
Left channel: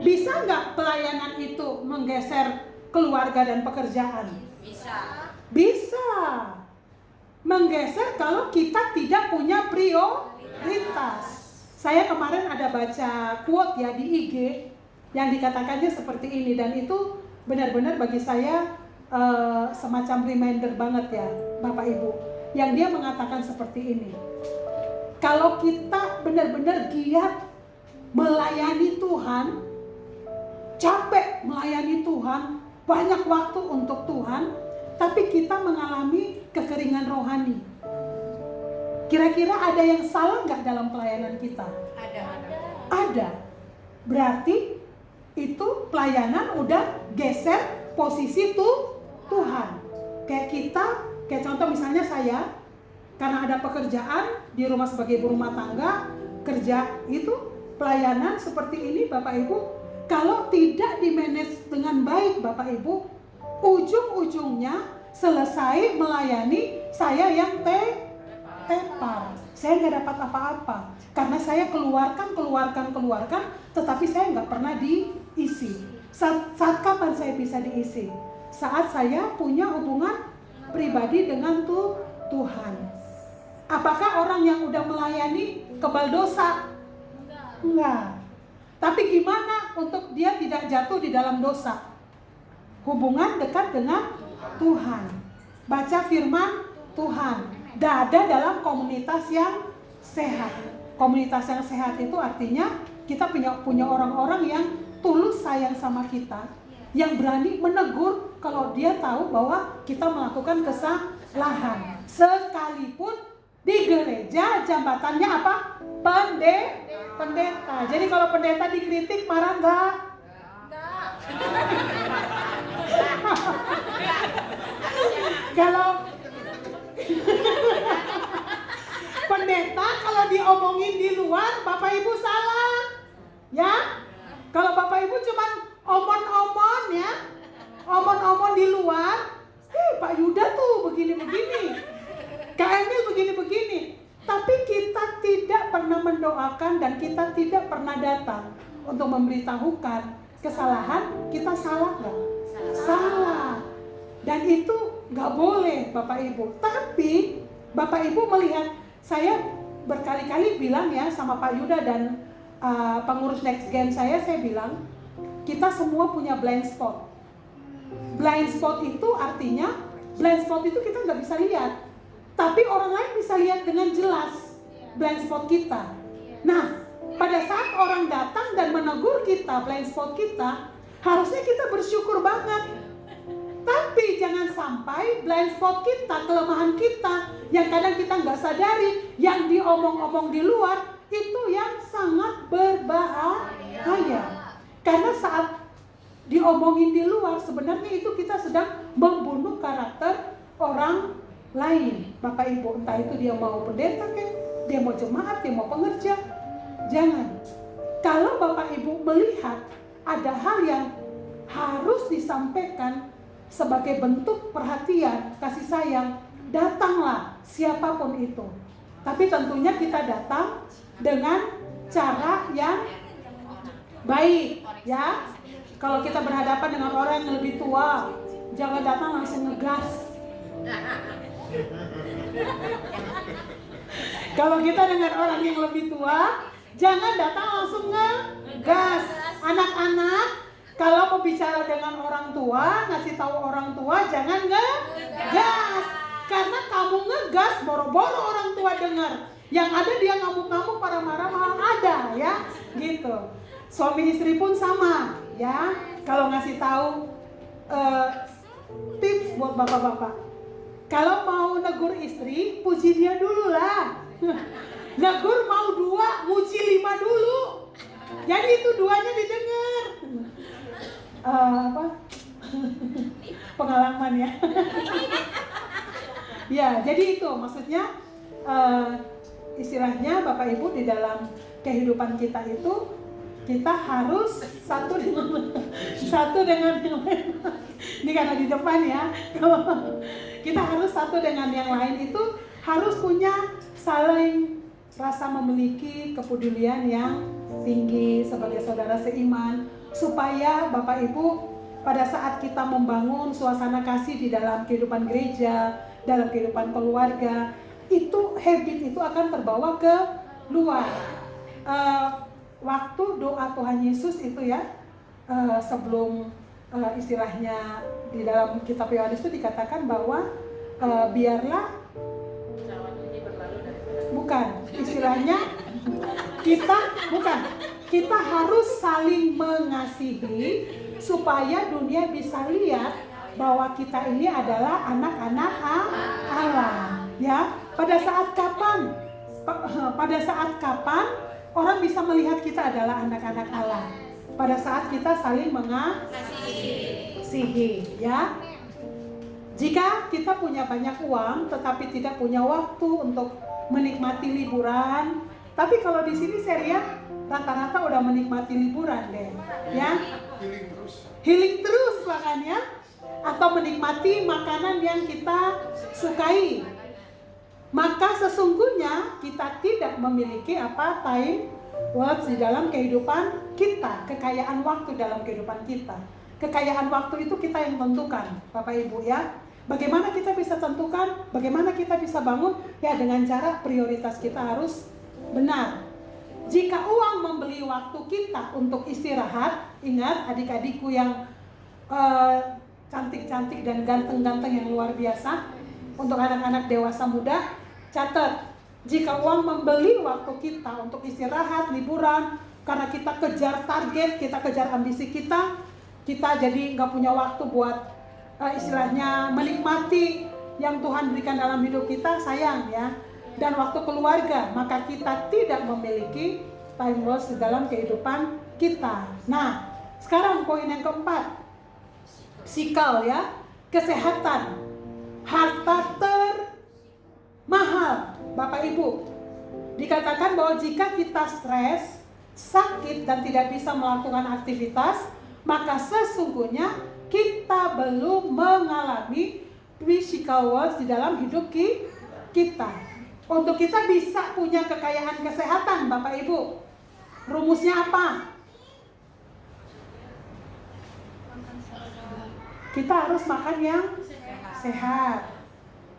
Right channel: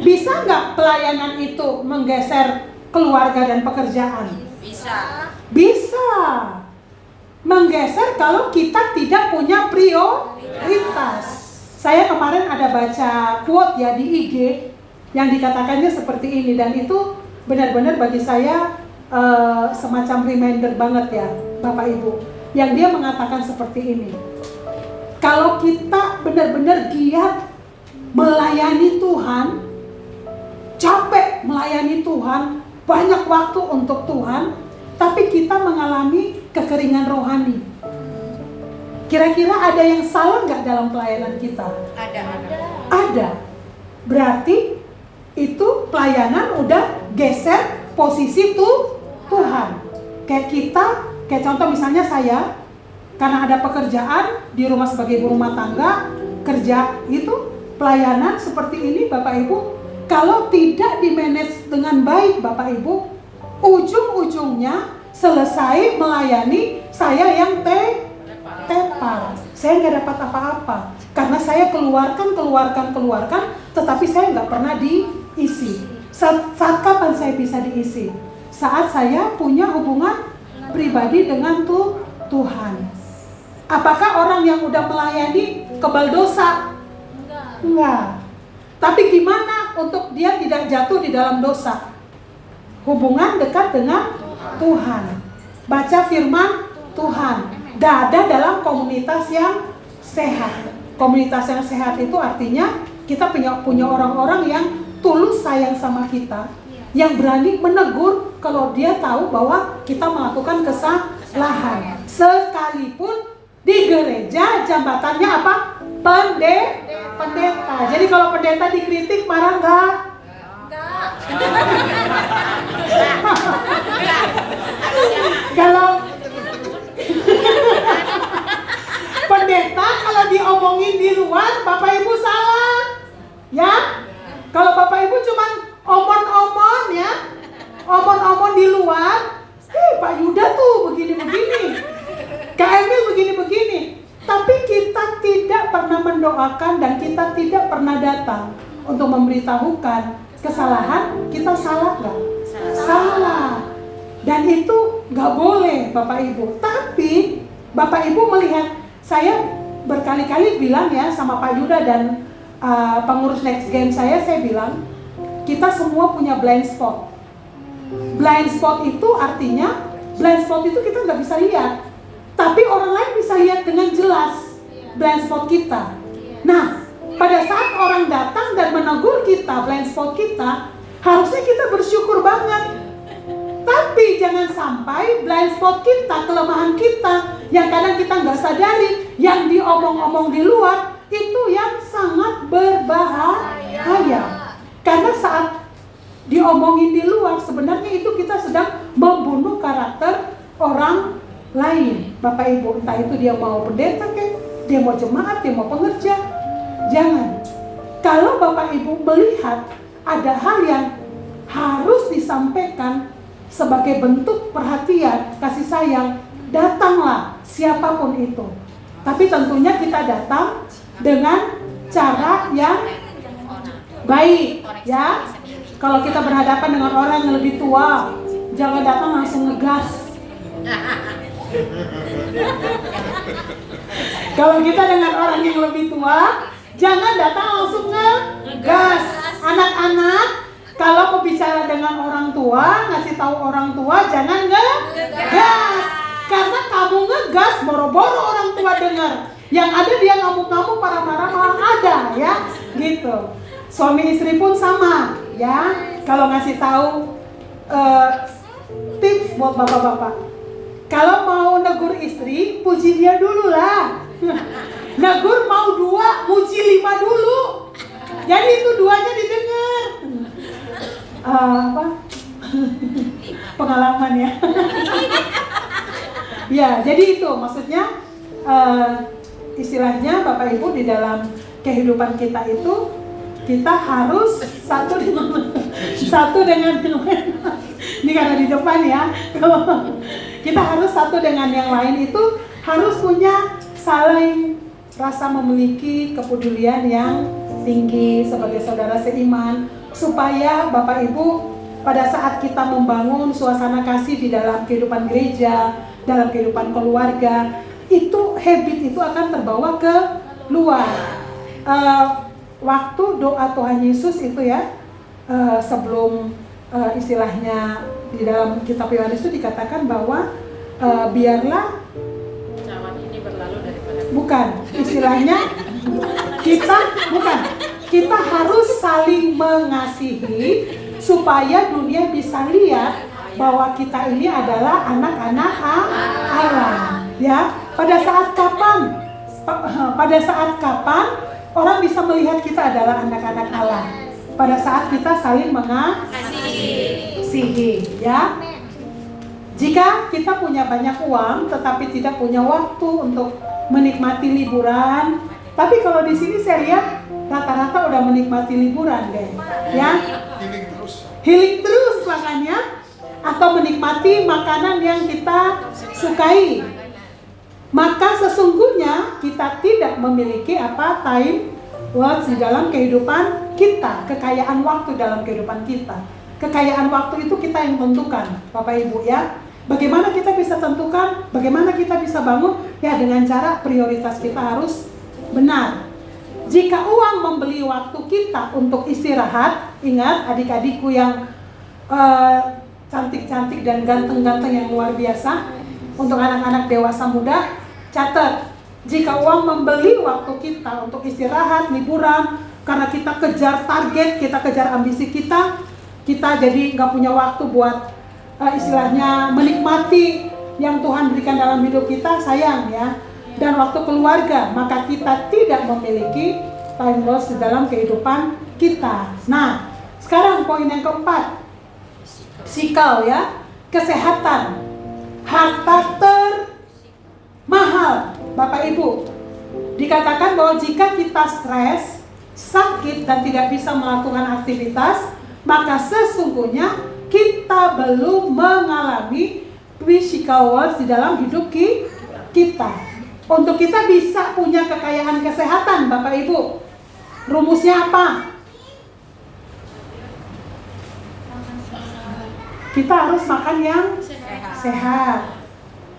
Bisa nggak pelayanan itu menggeser keluarga dan pekerjaan? Bisa. Menggeser kalau kita tidak punya prioritas. Saya kemarin ada baca quote ya di IG yang dikatakannya seperti ini, dan itu benar-benar bagi saya semacam reminder banget ya Bapak Ibu. Yang dia mengatakan seperti ini. Kalau kita benar-benar giat melayani Tuhan, capek melayani Tuhan, banyak waktu untuk Tuhan, tapi kita mengalami kekeringan rohani. Kira-kira ada yang salah nggak dalam pelayanan kita? Ada. Berarti itu pelayanan udah geser posisi Tuhan. Kayak contoh misalnya saya, karena ada pekerjaan di rumah sebagai ibu rumah tangga, kerja itu pelayanan seperti ini Bapak Ibu, kalau tidak di-manage dengan baik Bapak Ibu, ujung-ujungnya selesai melayani saya yang tepar. Saya nggak dapat apa-apa karena saya keluarkan, tetapi saya nggak pernah diisi. Saat kapan saya bisa diisi? Saat saya punya hubungan pribadi dengan Tuhan. Apakah orang yang udah melayani kebal dosa? Enggak. Tapi gimana untuk dia tidak jatuh di dalam dosa? Hubungan dekat dengan Tuhan. Baca firman Tuhan. Ada dalam komunitas yang sehat. Komunitas yang sehat itu artinya kita punya orang-orang yang tulus sayang sama kita, yang berani menegur kalau dia tahu bahwa kita melakukan kesalahan. Sekalipun di gereja jambatannya apa? Pendeta. Jadi kalau pendeta dikritik marah enggak? Kalau pendeta kalau diomongin di luar, Bapak Ibu salah. Ya? Kalau Bapak Ibu cuman omon-omon ya, omon-omon di luar, Pak Yuda tuh begini-begini, Kak Emil begini-begini. Tapi kita tidak pernah mendoakan dan kita tidak pernah datang untuk memberitahukan kesalahan. Kita salah nggak? Salah. Dan itu nggak boleh Bapak Ibu. Tapi Bapak Ibu melihat, saya berkali-kali bilang ya sama Pak Yuda dan pengurus Next Game saya bilang, kita semua punya blind spot. Blind spot itu artinya, blind spot itu kita nggak bisa lihat, tapi orang lain bisa lihat dengan jelas blind spot kita. Nah, pada saat orang datang dan menegur kita, blind spot kita, harusnya kita bersyukur banget. Tapi jangan sampai blind spot kita, kelemahan kita, yang kadang kita nggak sadari, yang diomong-omong di luar, itu yang sangat berbahaya. Karena saat diomongin di luar, sebenarnya itu kita sedang membunuh karakter orang lain. Bapak Ibu, entah itu dia mau pendeta kan, dia mau jemaat, dia mau pengerja. Jangan. Kalau Bapak Ibu melihat ada hal yang harus disampaikan sebagai bentuk perhatian, kasih sayang. Datanglah siapapun itu. Tapi tentunya kita datang dengan cara yang baik, ya. Kalau kita berhadapan dengan orang yang lebih tua, jangan datang langsung ngegas. Kalau kita dengan orang yang lebih tua, jangan datang langsung ngegas. Anak-anak, kalau mau bicara dengan orang tua, ngasih tahu orang tua, jangan ngegas. Karena kamu ngegas, boro-boro orang tua dengar. Yang ada dia ngamuk-ngamuk, marah-marah malah ada, ya, gitu. Suami istri pun sama, ya. Kalau ngasih tahu tips buat bapak-bapak. Kalau mau negur istri, puji dia dulu lah. Negur mau 2, muji 5 dulu. Jadi itu 2-nya didengar. Pengalaman ya. Ya, jadi itu maksudnya istilahnya Bapak Ibu di dalam kehidupan kita itu kita harus satu dengan ini karena di depan ya. Kita harus satu dengan yang lain itu harus punya saling rasa memiliki kepedulian yang tinggi sebagai saudara seiman, supaya Bapak Ibu pada saat kita membangun suasana kasih di dalam kehidupan gereja, dalam kehidupan keluarga, itu habit itu akan terbawa ke luar. Waktu doa Tuhan Yesus itu ya, sebelum istilahnya di dalam kitab Yohanes itu dikatakan bahwa biarlah cawan ini berlalu daripada bukan istilahnya kita harus saling mengasihi supaya dunia bisa lihat bahwa kita ini adalah anak-anak Allah, ya. Pada saat kapan orang bisa melihat kita adalah anak-anak Allah? Pada saat kita saling mengasihi, ya. Jika kita punya banyak uang tetapi tidak punya waktu untuk menikmati liburan, tapi kalau di sini saya lihat rata-rata udah menikmati liburan deh, ya. Healing terus makanya, atau menikmati makanan yang kita sukai. Maka sesungguhnya kita tidak memiliki time words di dalam kehidupan kita, kekayaan waktu dalam kehidupan kita. Kekayaan waktu itu kita yang tentukan, Bapak Ibu ya. Bagaimana kita bisa tentukan, bagaimana kita bisa bangun? Ya dengan cara prioritas kita harus benar. Jika uang membeli waktu kita untuk istirahat, ingat adik-adikku yang cantik-cantik dan ganteng-ganteng yang luar biasa, untuk anak-anak dewasa muda, catat, jika uang membeli waktu kita untuk istirahat, liburan, karena kita kejar target, kita kejar ambisi kita jadi nggak punya waktu buat istilahnya menikmati yang Tuhan berikan dalam hidup kita, sayang ya. Dan waktu keluarga, maka kita tidak memiliki time loss di dalam kehidupan kita. Nah, sekarang poin yang keempat, psikal ya, kesehatan, harta termahal. Bapak Ibu, dikatakan bahwa jika kita stres, sakit dan tidak bisa melakukan aktivitas, maka sesungguhnya kita belum mengalami physical wealth di dalam hidup kita. Untuk kita bisa punya kekayaan kesehatan, Bapak Ibu, rumusnya apa? Kita harus makan yang sehat.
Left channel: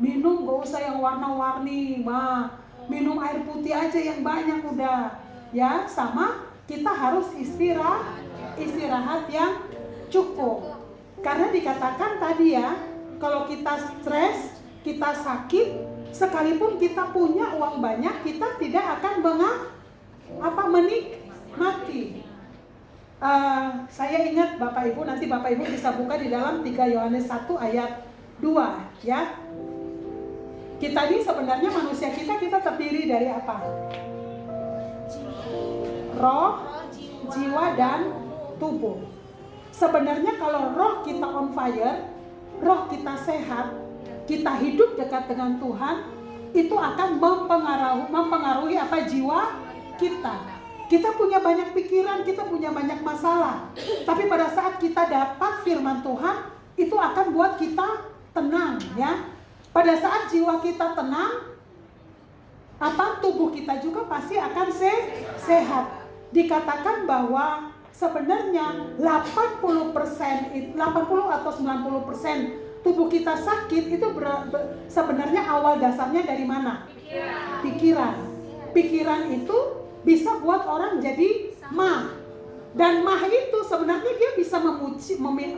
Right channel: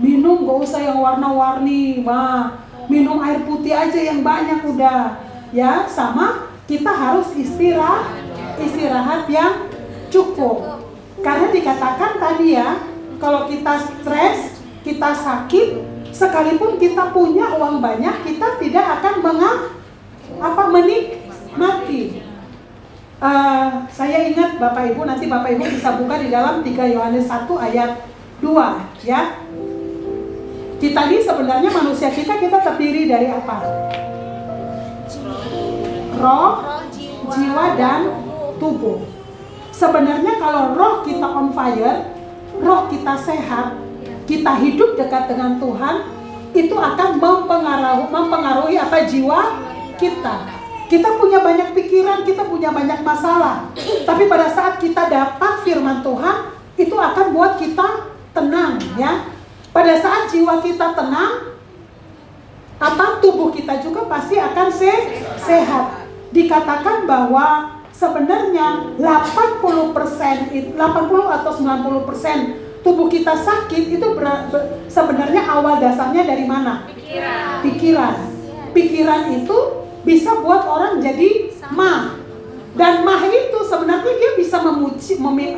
Minum gak usah yang warna-warni, minum air putih aja yang banyak udah. Ya, sama kita harus istirahat yang cukup. Karena dikatakan tadi ya, kalau kita stres, kita sakit, sekalipun kita punya uang banyak, kita tidak akan menikmati. Saya ingat Bapak Ibu, nanti Bapak Ibu bisa buka di dalam 3 Yohanes 1 ayat 2 ya. Kita ini sebenarnya manusia kita terdiri dari apa? Roh, jiwa dan tubuh. Sebenarnya kalau roh kita on fire, roh kita sehat, kita hidup dekat dengan Tuhan, itu akan mempengaruhi apa jiwa kita. Kita punya banyak pikiran, kita punya banyak masalah. Tapi pada saat kita dapat firman Tuhan, itu akan buat kita tenang, ya. Pada saat jiwa kita tenang, tubuh kita juga pasti akan sehat. Dikatakan bahwa sebenarnya 80% atau 90% tubuh kita sakit itu sebenarnya awal dasarnya dari mana? Pikiran itu bisa buat orang jadi mah. Dan mah itu sebenarnya dia bisa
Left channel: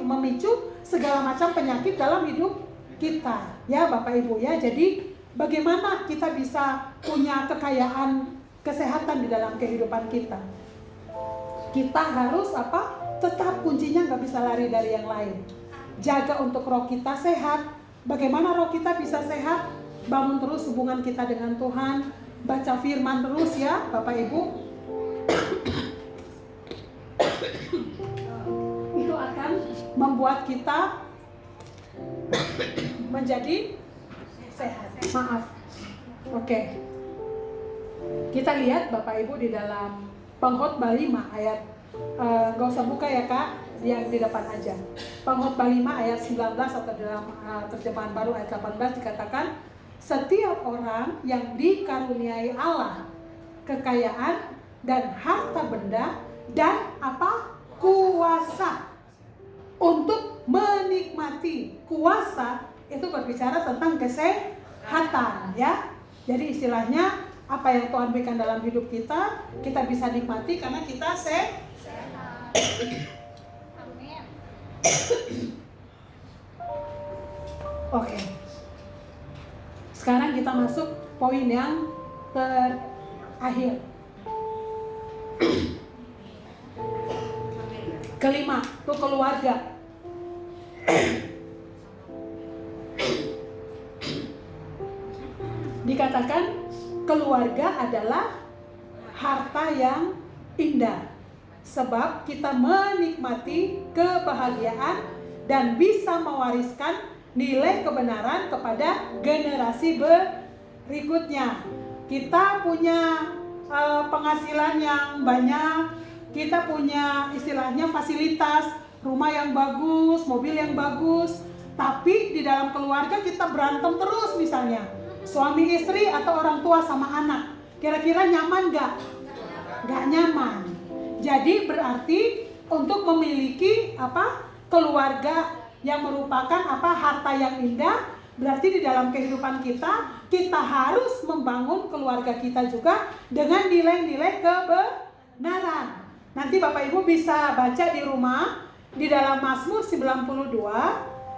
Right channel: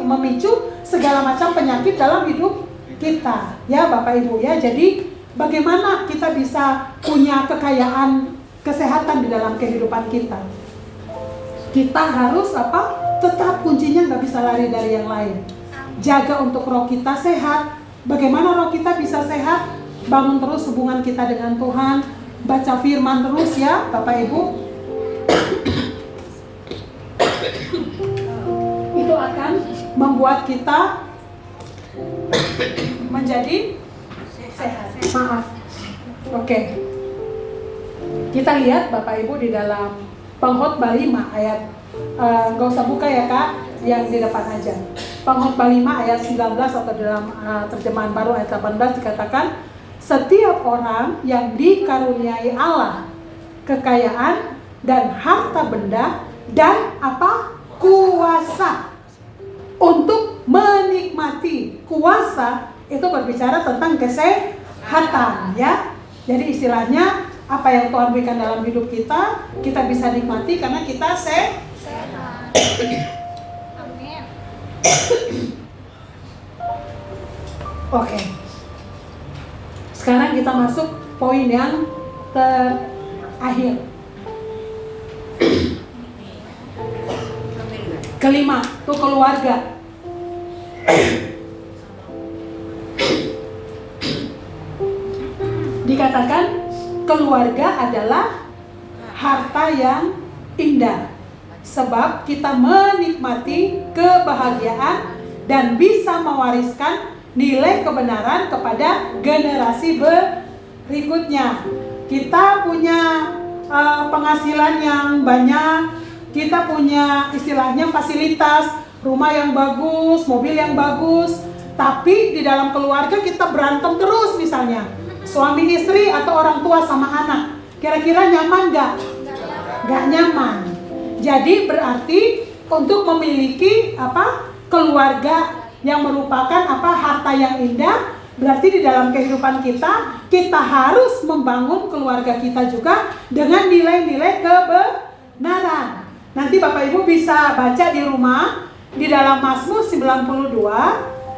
memicu segala macam penyakit dalam hidup kita, ya Bapak Ibu ya. Jadi bagaimana kita bisa punya kekayaan kesehatan di dalam kehidupan kita? Kita harus tetap kuncinya nggak bisa lari dari yang lain. Jaga untuk roh kita sehat. Bagaimana roh kita bisa sehat? Bangun terus hubungan kita dengan Tuhan. Baca firman terus ya Bapak Ibu. Itu akan membuat kita menjadi sehat. Maaf. Oke. Kita lihat Bapak Ibu di dalam Pengkhotbah 5 ayat gak usah buka ya Kak, yang di depan aja. Pengkhotbah 5 ayat 19 atau dalam terjemahan baru ayat 18 dikatakan, setiap orang yang dikaruniai Allah kekayaan dan harta benda dan kuasa untuk menikmati. Kuasa itu berbicara tentang kesehatan, ya. Jadi istilahnya apa yang Tuhan berikan dalam hidup kita, kita bisa nikmati karena kita sehat. Amin. Oke. Sekarang kita masuk poin yang terakhir. Kelima, itu keluarga. Dikatakan keluarga adalah harta yang indah, sebab kita menikmati kebahagiaan dan bisa mewariskan nilai kebenaran kepada generasi berikutnya. Kita punya penghasilan yang banyak, kita punya istilahnya fasilitas, rumah yang bagus, mobil yang bagus, tapi di dalam keluarga kita berantem terus misalnya. Suami istri atau orang tua sama anak, kira-kira nyaman gak? Gak nyaman. Jadi berarti untuk memiliki keluarga yang merupakan harta yang indah, berarti di dalam kehidupan kita harus membangun keluarga kita juga dengan nilai-nilai kebenaran. Nanti Bapak Ibu bisa baca di rumah di dalam Mazmur 92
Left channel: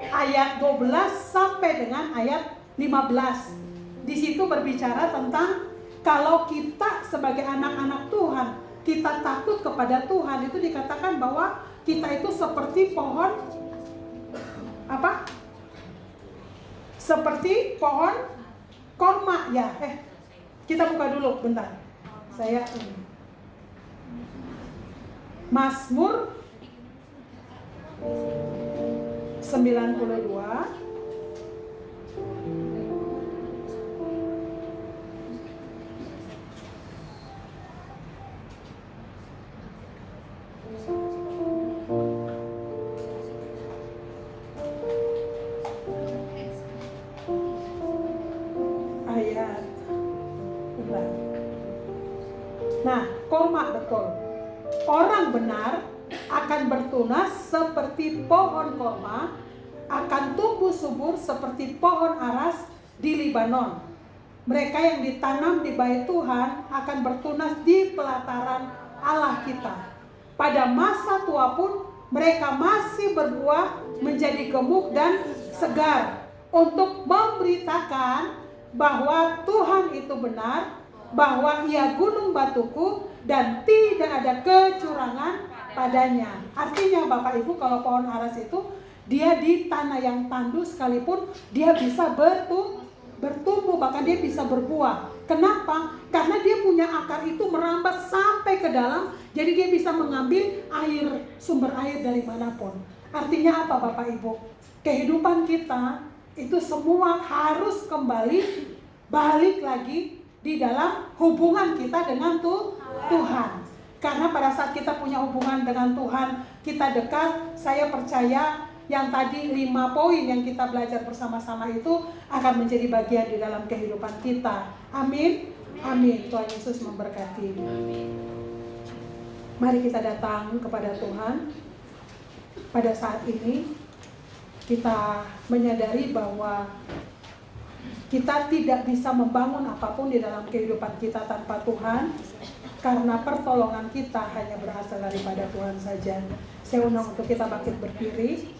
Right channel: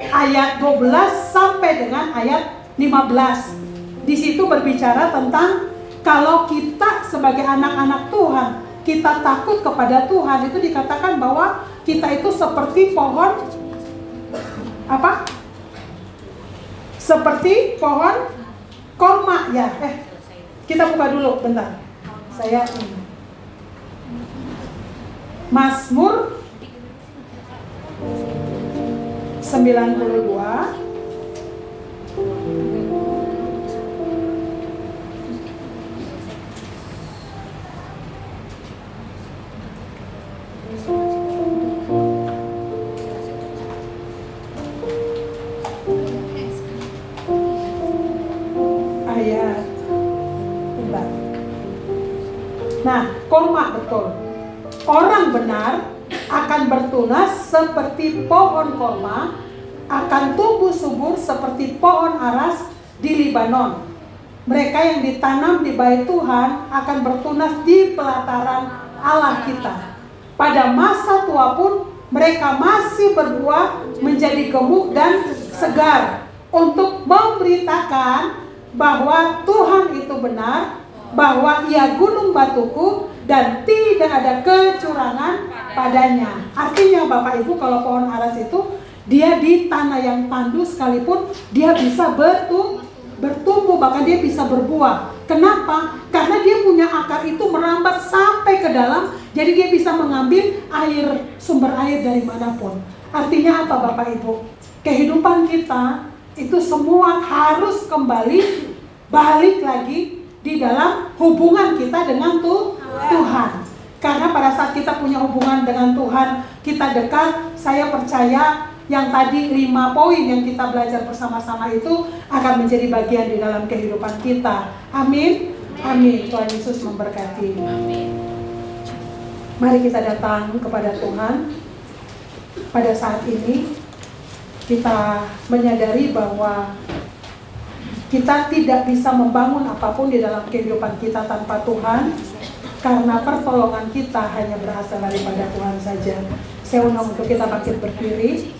ayat 12 sampai dengan ayat 15. Di situ berbicara tentang kalau kita sebagai anak-anak Tuhan, kita takut kepada Tuhan, itu dikatakan bahwa kita itu seperti pohon seperti pohon korma ya. Kita buka dulu bentar. Saya Mazmur 92 ayat. Nah, korma betul. Orang benar akan bertunas seperti pohon korma, akan tumbuh subur seperti pohon aras di Libanon. Mereka yang ditanam di bait Tuhan akan bertunas di pelataran Allah kita. Pada masa tua pun mereka masih berbuah menjadi gemuk dan segar untuk memberitakan bahwa Tuhan itu benar, bahwa Ia gunung batuku dan tidak ada kecurangan padanya. Artinya Bapak Ibu, kalau pohon aras itu dia di tanah yang tandus sekalipun dia bisa bertumbuh, bahkan dia bisa berbuah. Kenapa? Karena dia punya akar itu merambat sampai ke dalam, jadi dia bisa mengambil sumber air dari manapun. Artinya apa Bapak Ibu? Kehidupan kita itu semua harus kembali balik lagi di dalam hubungan kita dengan Tuhan. Karena pada saat kita punya hubungan dengan Tuhan, kita dekat, saya percaya yang tadi 5 poin yang kita belajar bersama-sama itu akan menjadi bagian di dalam kehidupan kita. Amin. Amin. Tuhan Yesus memberkati. Mari kita datang kepada Tuhan. Pada saat ini kita menyadari bahwa kita tidak bisa membangun apapun di dalam kehidupan kita tanpa Tuhan, karena pertolongan kita hanya berasal daripada Tuhan saja. Saya undang untuk kita bangkit berdiri.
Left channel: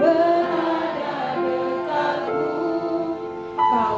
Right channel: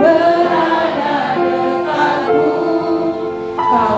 Berada dekatmu, kau